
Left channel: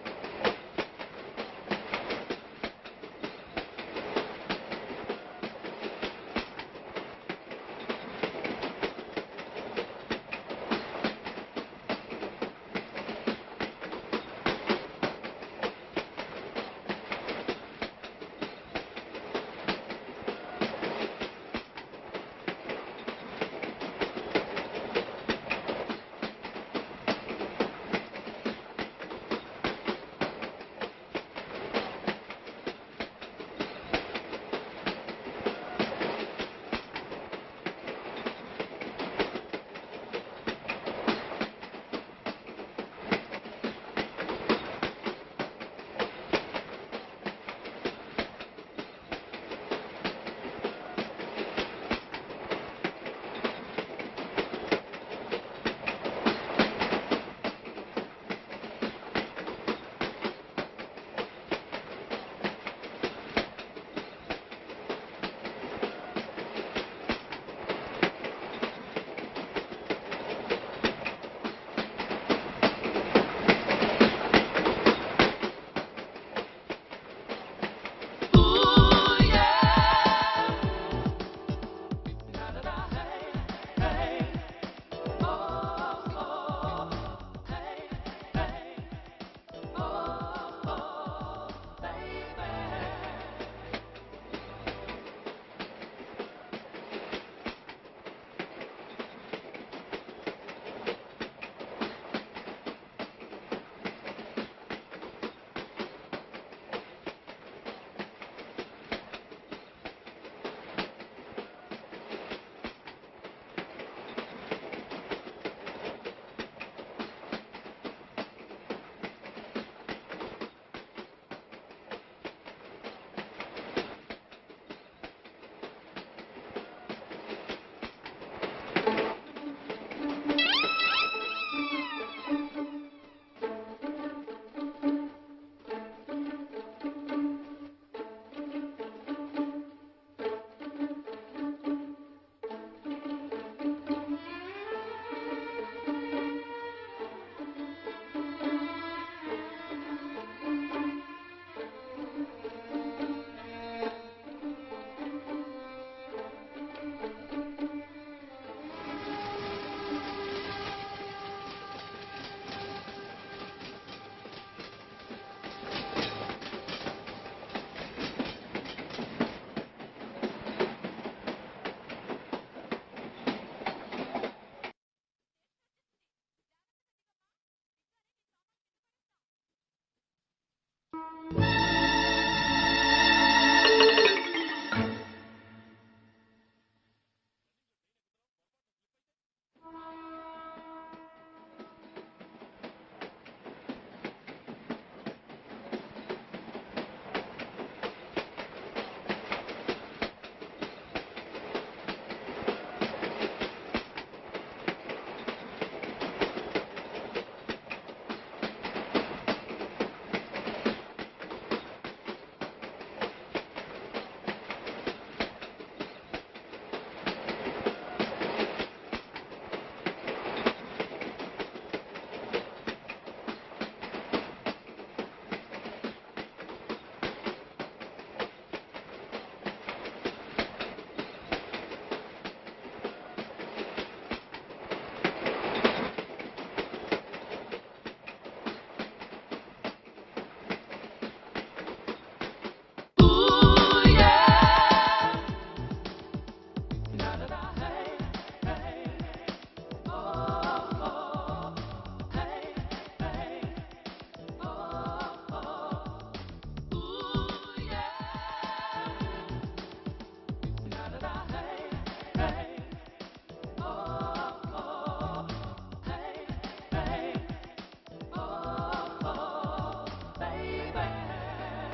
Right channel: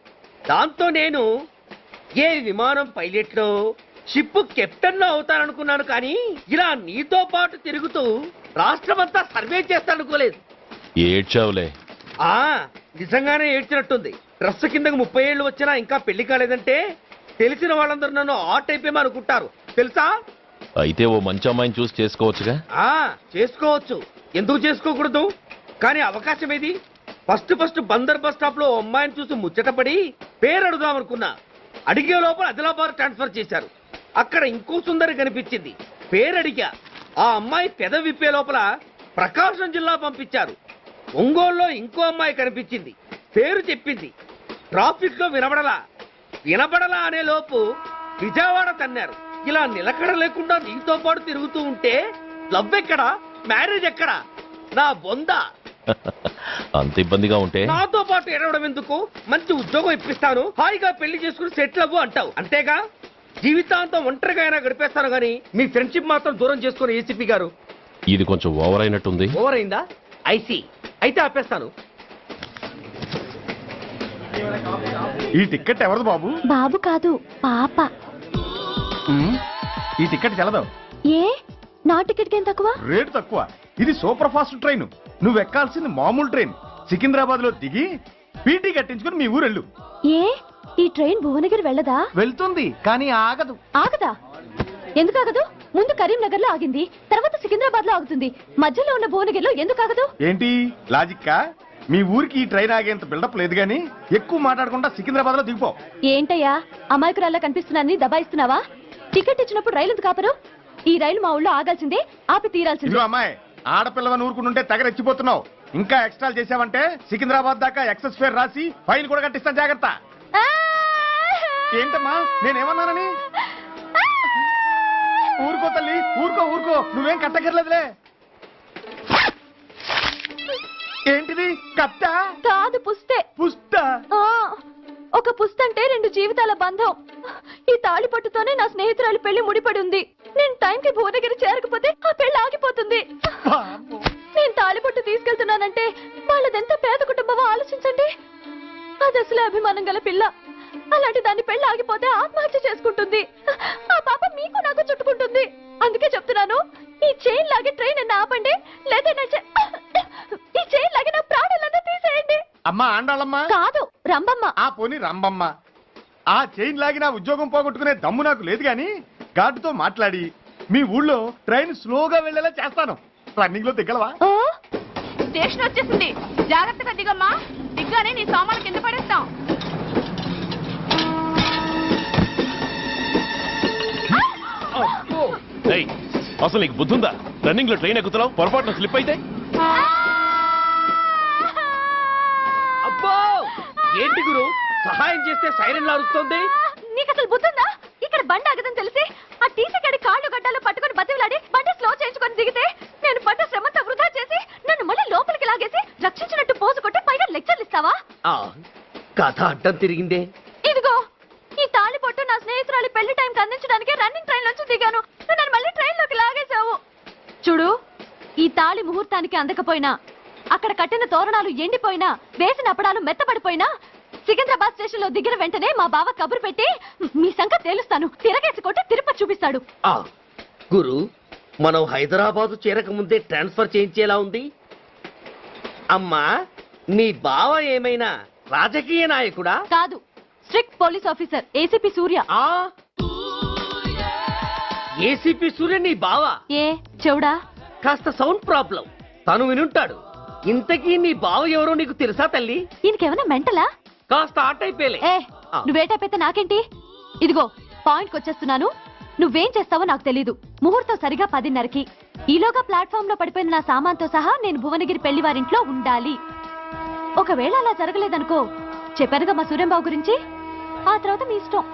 దాంతో నేను ఏ విమానం పైలట్లో షిప్ కెప్టెన్ లో అవుతాననుకున్నాను, కానీ ఇలా నీతో పాటు తిరుగుతూ రాష్ట్రమంతా సర్వే చేస్తాననుకోలేదు. ఏడ్చావులే. నిజంగానే ఏడ్చినట్టుంది. డ్రెస్ కిందకు 30 ఏళ్ళు వచ్చినా ఇంకా పెళ్లి కాలేదంటే తెలిసిన వాళ్ళందరూ నన్ను ఆ టైప్ ఏమో అనుకుంటారు తెలుసా. అయితే ఓ మంచి అమ్మాయిని చూసి చేసుకోవచ్చుగా. చేసుకోవచ్చు, ఎందుకు చేసుకోకూడదు? కానీ అవకాశం ఏది? ఫస్ట్ బందర్ బస్ స్టాప్ లో అమ్మాయిని చూసి ముచ్చటపడి పేరు అడుగుదామనుకున్నా. అడిగే లోపల ఆదిలాబాద్ ట్రాన్స్ఫర్ చేశారు. అక్కడ ఇంకో సుందరి కనిపించింది, పేరు అడిగా. ఆ అమ్మాయి పెద విప్పే లోపల ప్రకాశం జిల్లా పంపించారు. ఒంగోలులో ఇంకో అమ్మాయి కనిపించింది, పేరు చెప్పింది. ట్రాఫిక్ లో వినబడలా అనే లోపు విజయవాడ తన్నారు. ఇలా నిలకడ లేకుండా నీతో పాటు తిరుగుతూ ఉంటే లవ్ ఎక్కడా, మ్యారేజ్ ఎక్కడా? నా బొంద. అంత ఇబ్బందిగా ఉంటే నాతో పాటు ఎడవడం ఎందుకు? మంచి ఉద్యోగం ఇప్పిస్తాను, హాయిగా పెళ్లి చేసుకుని సెటిల్ అవ్వు అంటావు అంతేగా. జీవితాంతం ఒంటరిగా అయినా గడిపేస్తాను, కానీ మీ ఫ్రెండ్షిప్ మాత్రం దూరం చేసుకుని ఏసీపీ గారు. ఇది కొంచెం ఓవర్ అయినట్టుంది. ఓవర్ అయిందా? ఐసీ, అయితే ఆపేస్తాను. ఈ టికెట్ ఎవరు బాబు? బాబు కాదు, పాప. ఈ టికెట్ గెలదు. ఏ నా టికెట్ ఏం తక్కువ? రేటు తక్కువ. ఇది సూపర్ ఫాస్ట్ ట్రైన్. నువ్వు ఎక్కాల్సింది మామూలు ట్రైన్. సికింద్రాబాద్ లో దిగి పీటీ కట్టించుకుని మీ ఊరెళ్ళు. ఏ ఈ ట్రైన్ భువనగిరి వెళ్ళదా? వెళ్తుంది, కానీ ఆగదు. ఆగదా? ఎందుకు ఆగదు? ముందు కరీంనగర్ లో ఆగింది, తర్వాత సికింద్రాబాద్ లో ఆగుతుంది. మధ్యలో ఉన్న భువనగిరిలో ఎందుకు ఆగదు? ఏంటి లాజిక్కా? మీ ఊరికి ఈ ట్రైన్ ఆగేంత బిల్డప్ లేదు, గానీ ఎక్కువ మాట్లాడకుండా సికింద్రాబాద్ లో దిగిపో. ఏంటయ్యా అమాయకురాల్లా కనిపిస్తున్నాన్ని దబాయిస్తున్నావా? టికెట్ ఇచ్చినప్పుడు రైలు ఎందుకు ఆపరు? ఈ రైలు మా ఊళ్ళో ఆగాల్సిందే, ఆపి తీరాల్సిందే. అమ్మాయి, ఆడపిల్లవని ఊరుకుంటుంటే తెగరెచ్చిపోతున్నావు. ఇంకా ఎక్స్ట్రాలు చేసావంటే సికింద్రాబాద్ దాకా ఎక్సెస్ ఫేర్ రాసి ఫైన్ కూడా కట్టిస్తాను, జాగ్రత్త. ఏంటమ్మా నేనేమన్నానని? ఊరుకో తల్లి, ఊరుకో, నువ్వేం కట్టగర్లేదులే. ఏంటిది? కట్ట కాదు, పుస్తే. పుస్తా? ఒక పుస్తంటే 2 జీవితాల బంధం. ఈ తాళి పట్టుతోనే నా స్నేహితురాలు పెళ్లి ముడిపడి ఉంది. నేను టైంకి భువనగిరి చేరకపోతే ఆ పెళ్లి ఆగిపోతుంది. నేను తాళి పట్టు తీసుకెళ్తున్నానంటే వాళ్ళదెంత పేద కుటుంబమో ఆలోచించండి. అది అసలు అభిమానం గల పిల్ల. అలాంటి దాని పెళ్లి ఆగిపోతే ఆత్మహత్య చేసుకుంటుంది. ఆ పాప మీకు నాకు చుట్టుకుంటుంది. అందుకే చెప్తున్నాను, ఈ చైన్ లాగి ట్రైన్ అన్న ఆపండి, లేదా ఈ చైన్ లాగి నా ప్రాణాలన్నా తీసేయండి. అమ్మా ఆండాళ్ళమ్మా కాదు, రంబమ్మ. ఆ పోని రంబమ్మ. ఆ చైన్ లాగి నా ఉద్యోగం పోగొట్టుకునే దమ్ము నాకు లేదు, గాని గార్డుతో మాట్లాడి మీ ఊళ్ళో ట్రైన్ స్లోగా వెళ్ళేలా చేస్తాను. రన్నింగ్ లో దిగలవా? స్టేషన్ వచ్చేసింది, జాగ్రత్తగా దిగమ్మా. దిగ్గానే నీ సామాన్లు కింద పడేస్తాం. అసలు నీకు బుద్ధుందా? రన్నింగ్ లో ట్రైన్ ఎక్కుతున్నావు, పొరపాటున స్లిప్ అయితే? అబ్బో ఏంటి గురు, సహాయం చేస్తే సైరన్ లారుస్తోంది. నీకు అసలు బుద్ధుందా? ఇక్కడ బండి ఆగదని తెలిసి ఆ టీసీ గడి కాళ్ళు గడ్డాలు పట్టుకొని బతిలాడి బండి స్లో చేయించుకొని దిగితే నేను పడ్డ శ్రమంతా వృధా చేసి నన్ను మళ్ళీ లోపలికి లాగేసి రక్షించినట్టు పోజు కొట్టి పైగా లెక్చర్లు ఇస్తావా? కథ అడ్డం తిరిగిందే. ఇదిగో ఈ తాళి పొట్టు నా స్నేహితురాలి పెళ్లి టైంకి అందించడానికి రన్నింగ్ ట్రైన్ నుంచి దిగాను. నన్ను మళ్ళీ ట్రైన్ లోకి లాగేశావు. ఈ తాళి ముహూర్తానికి అందకపోయినా, అక్కడ కట్టిన తోరణాలు ఎండిపోయినా, వేసిన అప్పడాలు మెత్తపడిపోయినా, సికింద్రాబాద్ స్టేషన్ లో దిగిన వెంటనే మా బావ కబురు పెట్టి మీ సంగతి తేలుస్తాను, తిరగేసుకుంటే తిరుపతి చూపిస్తాడు. గురు, మనం హైదరాబాద్ చేరక ముందే ట్రాన్స్ఫర్ చేయించేలా ఉంది. అమ్మా, మీ బావ ఏమైనా రాజకీయ నాయకుడా? కాదు, స్ట్రిక్ట్ పోలీస్ ఆఫీసర్, ఏసీపీ సూర్య. ఏసీపీ సూర్య నీ బావ? ఏ చెవుడా? కాస్త సౌండ్ ప్రాబ్లం, తను వినుంటాడు. ఇంతకీ నీ బావ ఎవరో నీకు తెలుసా తల్లి? ఈయనకేమైనా మెంటలా? కాస్త ఆట అయిపోయలే. నువ్వేటైతే నాకేంటి? ఇదిగో పాయింట్కి వచ్చేస్తున్నాను. నువ్వేం చేస్తావో నాకు తెలీదు. ముహూర్తం సరిగా 10:30కి. ఈలోగా ప్లాట్ఫామ్ లో పడిపోయిన నా సామాన్తో సహా నేను భువనగిరి పెళ్లి వారింట్లో ఉండాలి. ఒకవేళ అలా జరగలేదనుకో, చెప్పానుగా మా సూర్యంబాబు గురించి, ఆ తర్వాత మీ ఇష్టం.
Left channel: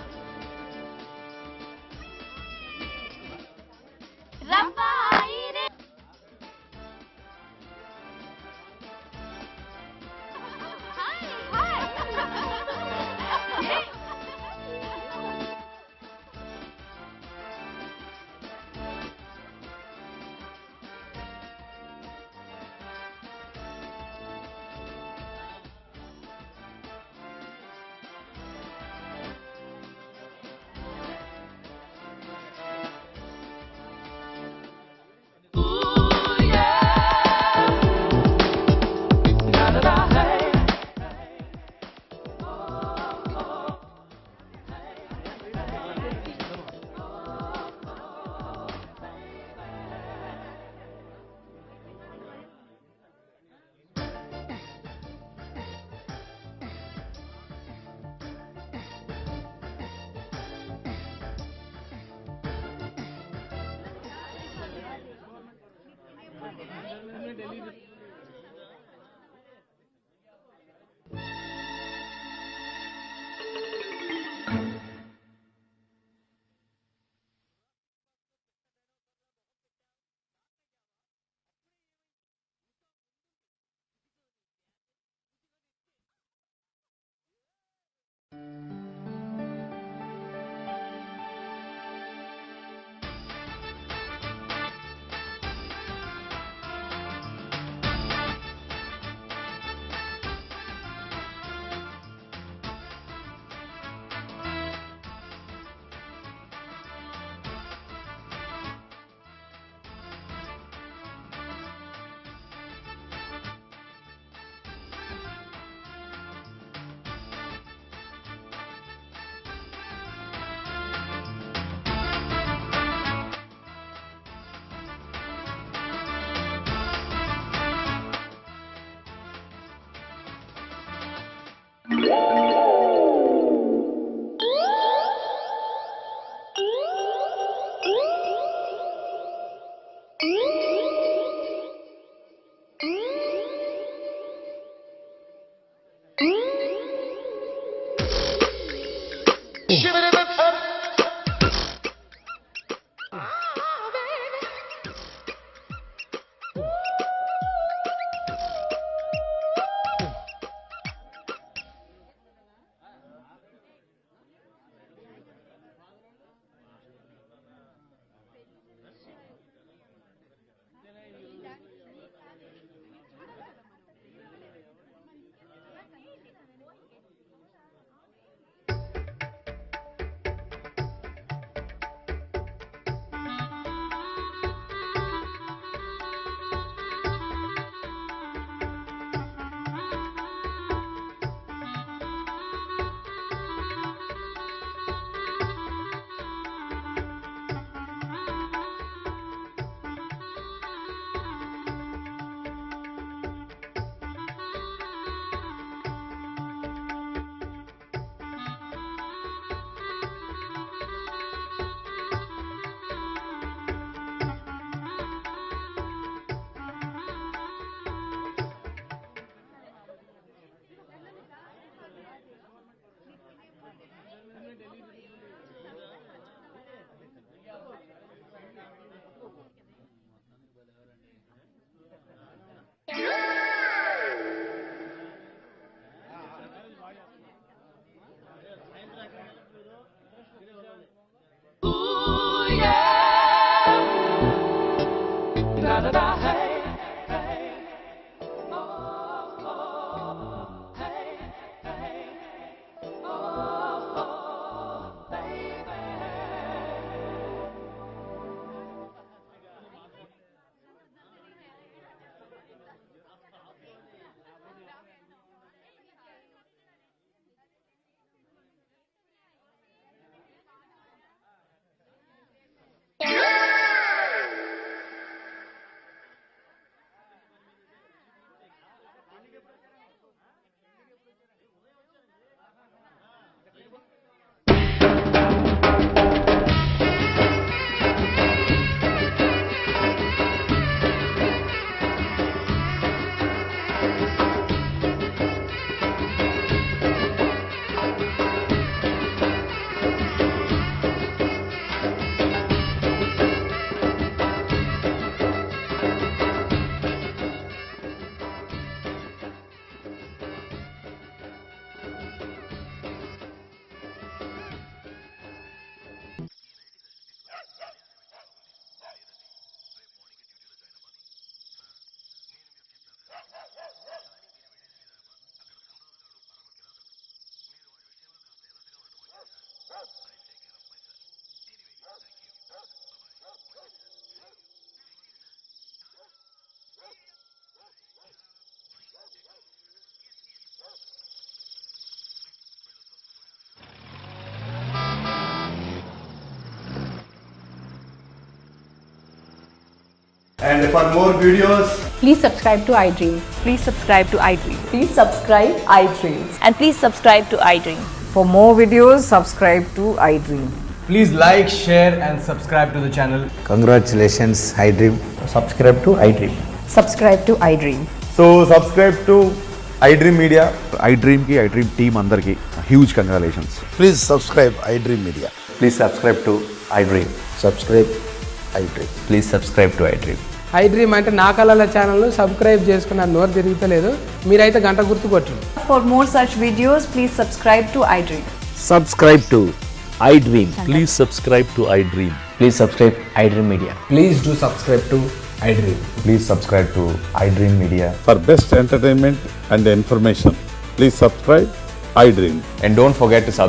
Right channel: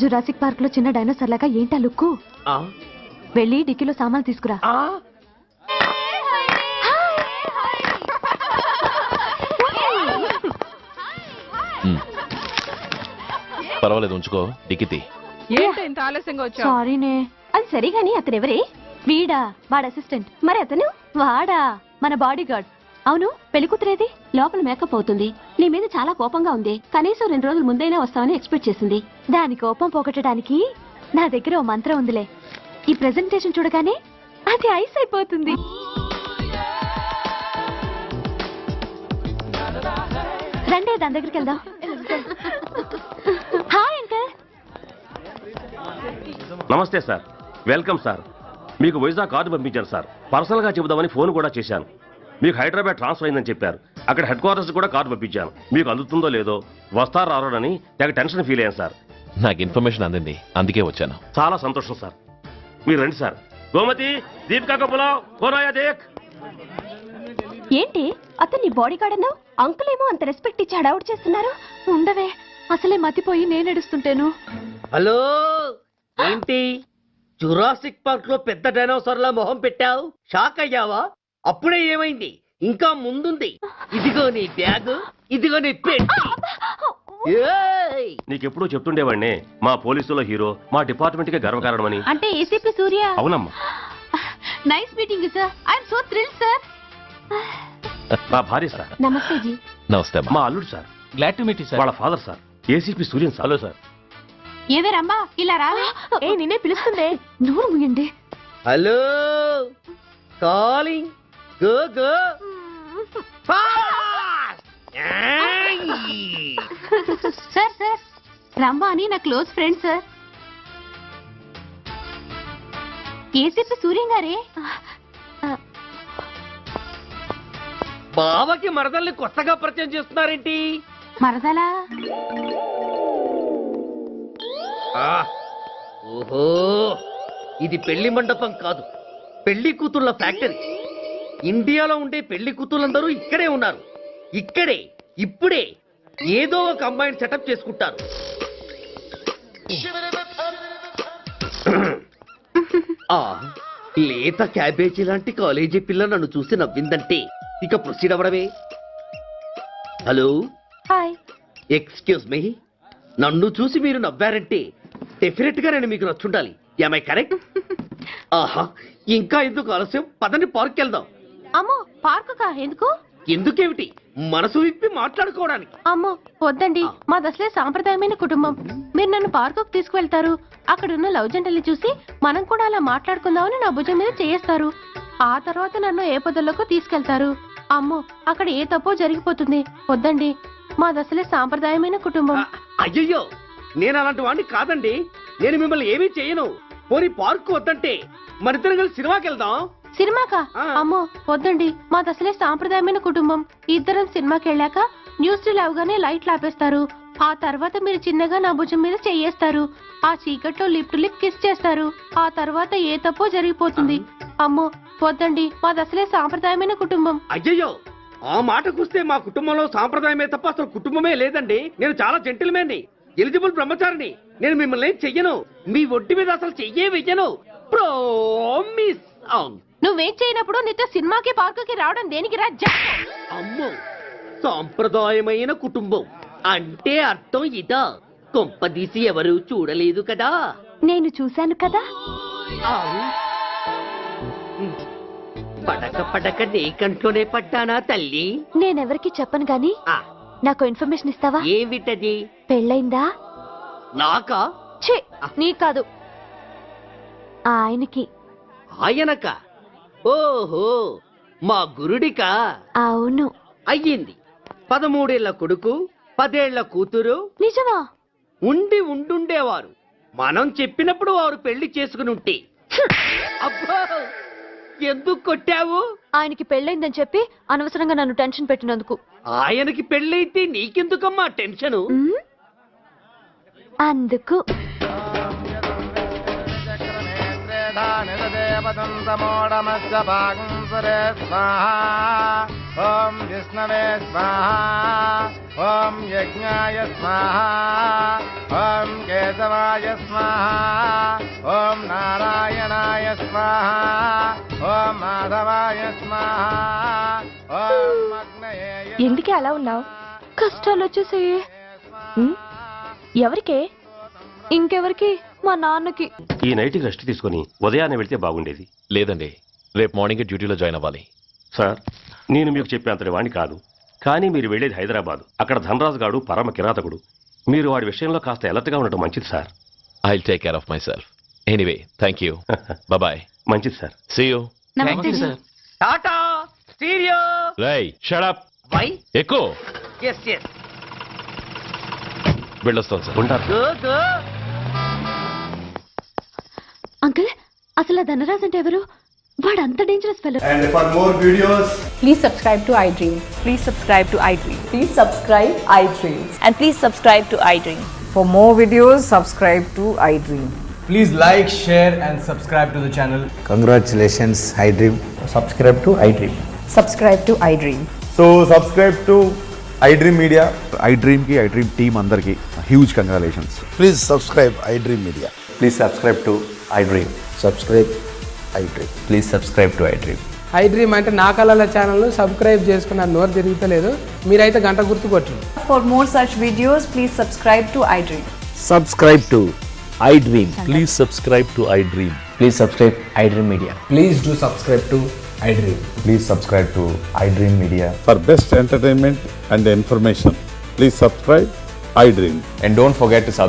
జురాసిక్ పార్క్ లో చిన్న డైనోసార్ లాగా ఏంటా లుక్కు? వెళ్ళి డిక్కీలో సామాన్లు తీసుకురా. పర్వాలేదు, ఉంచుకో. టికెట్ ఏంటి ఇంత ఆలస్యంగా వచ్చావు? సారీనే. అది సరిగాని అతను ఎవరే? వీడా, వాడు అసిస్టెంట్. మరి అతను? వాడా, మన బాడీ గార్డ్. అవును, పెళ్లి కూతురేది? లోపల మేకప్ అవుతుంది. నీ మీద చాలా కోపంగా ఉంది. కనీసం 2 రోజుల ముందైనా వస్తావని ఎక్స్పెక్ట్ చేసింది. దాని కోపం పోగొట్టడానికి నా దగ్గర ఓ మంత్రం ఉందిలే. ఈ ప్రెజెంటేషన్ చూడగానే అది ఐస్ అయిపోతుంది. రండి, దాని దగ్గరికి వెళ్దాం. Hi uncle. నమస్తే సార్, వెల్కమ్ సార్. మీకు వైజాగ్ కార్డు పంపించారు సార్. పర్సనల్ గా చెబుదామని ఫోన్ కూడా చేశాను. మీకు హైదరాబాద్ ట్రాన్స్ఫర్ అయిందని చెప్పారు. అక్కడ హెడ్ క్వార్టర్స్ కూడా కార్డు పంపించాను. మీకు అందుతుందో లేదో, వస్తారో రారోడని నాకు టెన్షన్ ఫీల్ అయ్యాను సార్. నాకు ఇన్ఫర్మేషన్ అందింది, అందుకే వచ్చాను. చాలా సంతోషం సార్. మీరు రండి సార్. గోమతి, దీపికా కపులావ్, కోరాయా దేక్. ఏంటి అతన్ని బాడీ గార్డ్ అన్నావు? అంకుల్ ఏమో అంత రెస్పెక్ట్ ఇచ్చి హడావుడ్ చేస్తున్నారు. ఉండవే, అసలే మతిపోయి నేను ఎడుస్తుంటాను. హలో, ఏంటి జురాసిక్ పార్క్ లో పెద్ద డైనోసార్ లా మొహం పెట్టావు? షాక్ అయ్యావా? అప్పుడే ఏమైంది? ఇంకా ముందుంది. ఇదిగో నీ బ్యాగ్, ఇదిగో నీ పెట్టి. నీకెప్పుడు చెప్తుండేవాడిని, మా పోలీసులో హీరో, మా డిపార్ట్మెంట్ కి గర్వకారణమని. అంటే ఏసీపీ సూర్య? అవునమ్మా. Nice meeting sir. I'm so thrilled sir. మా భార్య సార్. నమస్తే జీ. నమస్తే. మా అల్లుడు sir. Glad to meet you sir. వాళ్ళ father sir, ACP Suryan sir. Hello sir. ఏవే రమ్మా, ఇలా రావే. ఏ నిన్నే పిలుస్తుందే. నోరు ముయ్యండి. Hello, calling. Go go. Sir sir, Ramma అని నా close friend sir. ACP Suryam గారే. బావకి మరదల్ని కొత్తగా పరిచయం చేస్తున్నారేంటి? మరదలా? ఓహో, ఇది పెళ్లి మండపం కాదు, పెళ్లి కూతుళ్ళ ఫ్యాక్టరీ. ఇండియాలో ఉండే పెళ్లి కూతుళ్ళందరూ ఇక్కడే ఉన్నారు. ఇక్కడే, ఇప్పుడే ఏదో ఒక అమ్మాయిని సెటప్ చేసుకుంటారు. లేత క్యాబేజీ లాంటి కాలేజీ పిల్ల నన్ను చూసి నవ్విందంటే ఇక ప్రొసీడ్ అవ్వడమే. Hello, hi. ఎక్స్క్యూజ్ మీ, నన్ను చూసి మీరు నవ్వారంటే డెఫినెట్ గా నేను మీకు నచ్చుండాలి. Am I correct? ఆహా, ఇంకా ఎందుకు ఆలస్యం? పదండి, పార్క్ వెళ్దాం. అమ్మో, పార్కుకా? ఎందుకు? ఎందుకేమిటి, మనసు విప్పి మాట్లాడుకోవడానికి. అమ్మో వద్దండి, మాది అసలే సాంప్రదాయమైన కుటుంబం. మీరు నన్ను పార్కుకు తీసుకువెళ్తారు, అక్కడున్న లవ్ జంటల్ని చూసి మనం కూడా అలా మాట్లాడుకుందామని నా భుజం మీద చేస్తారు. ఆ తర్వాత నన్ను ఏ పొదల్లోకి తీసుకెళ్తారు. అమ్మో, అక్కడ ఏ తప్పో జరిగిపోతుంది. వద్దండి, మాది అసలే సాంప్రదాయమైన కుటుంబం. అయ్యయ్యో, నేను అలాంటి వాడిని కాదండి. నేను మిమ్మల్ని ఏమీ చేయను. పోనీ పార్క్ వద్దంటే మరిద్దరం కలిసి సినిమాకి వెళ్దాం. సినిమాకా? అమ్మో వద్దండి, మాది అసలే సాంప్రదాయమైన కుటుంబం. ఇద్దరం సినిమాకి వెళ్ళాక న్యూస్ రీల్ అవగానే లైట్లు ఆపేస్తారు. ఆ తర్వాత మీరు చిన్నగా నా భుజం మీద చెయ్యేస్తారు. ఆ చీకట్లో లిప్ టు లిప్ కిస్ చేస్తారు. ఆ తర్వాత ఏ తప్పో జరిగిపోతుంది. అమ్మో వద్దండి, మాది అసలే సాంప్రదాయమైన కుటుంబం. అయ్యయ్యో, ఆ మాటకొస్తే మా కుటుంబంలో సాంప్రదాయమే తప్ప అసలు కుటుంబమే లేదండి. నేను చాలా జెంటిల్మెన్ని, ఎలిజిబుల్ బ్రహ్మచారిని. నేను మిమ్మల్ని ఏం చెయ్యను. మీ ఒడ్డు మీద అసలు చెయ్యే వెయ్యను. ప్రామిస్. నువ్వేం చేయనప్పుడు నీతో సినిమాకి పార్కుకి రావడం దేనికి రా? అమ్మో, సాంప్రదాయమైన కుటుంబం అంటే అర్థం ఇదా? కొంపదీసి ఎవరు చూడలేదు కదా? నేను చూశాను కదా. పడక నీ కంట్లోనే పడ్డానా తల్లి? నేనెవరికి చెప్పను గాని నాకు ఇన్ఫర్మేషన్ ఇస్తావా? ఏమిటది? పెళ్ళైందా? నాకా? ఛీ, నీ కాదు, ఆయనకి. ఆయనక? ఓహో, మా గురుడికా? అవును. అయ్యింది. 13 ఏళ్ల కొడుకు, 10 ఏళ్ల కూతురు. నిజమా? ఉండుండేవారు. మనం చెప్పినప్పుడు వారు పెళ్లి చేసుకుని ఉంటే. అబ్బా, ఎందుకు కొట్టావు? ఆయనకి పెళ్ళైందని చెప్పి అనవసరంగా నన్ను టెన్షన్ పెట్టినందుకు. ఆయనకి పెళ్ళైతే నీకెందుకమ్మా టెన్షను? అందుకు. ఎందుకే అలా ఉన్నావు? కష్టాలు వచ్చేసాయి. ఎవరికే? ఇంకెవరికి? మా నాన్నకి. ఈ నైట్కి రెస్ట్ తీసుకొని ఉదయాన్నే వెళ్తే బాగుండేది. లేదండి, రేపు మార్నింగ్ డ్యూటీలో జాయిన్ అవ్వాలి. సార్, నేను మీకు చెప్పేంతటి వాణ్ణి కాదు, కానీ మీరు వెళ్ళేది హైదరాబాద్. అక్కడ ధనరాజు గాడు పరమ కిరాతకుడు. మీరు వాడి విషయంలో కాస్త అలర్ట్గా ఉండటం మంచిది sir. I will take care of my self. Anyway, thank you. Bye. మంచిది sir. See you. Tata stereo. రేయ్, షట్ అప్. వై? ఎక్కువ ఎస్ ఎస్. వెళ్ళొస్తాను సార్. ఉంటారు. గో గో. అంకుల్, అసలు ఆ ధనరాజ్ అంటే ఎవరు? వాడు అంత dangerous fellow. And for more videos, please subscribe to iDream. Please subscribe to iDream. Please subscribe iDream. And please subscribe to iDream. For more videos, subscribe to iDream. please like, share and subscribe to the channel. Congratulations, iDream. Subscribe to iDream. Subscribe to iDream. So subscribe to iDream Media. iDream ki iDream team andarki huge congratulations. Please subscribe iDream Media. Please subscribe to iDream. Subscribe iDream. Please subscribe to iDream. iDream అంటే నా కళల channel subscribe చేసుకున్న నోరు తిరుగుతలేదు. మీరైతే గంట గుర్తు కొట్టండి. For more such videos, please subscribe to iDream. Subscribe to iDream. Please subscribe to iDream. Please subscribe iDream Media. Please do subscribe to iDream. Please subscribe to iDream Media. For best entertainment and information, please subscribe iDream. And don't forget to subscribe.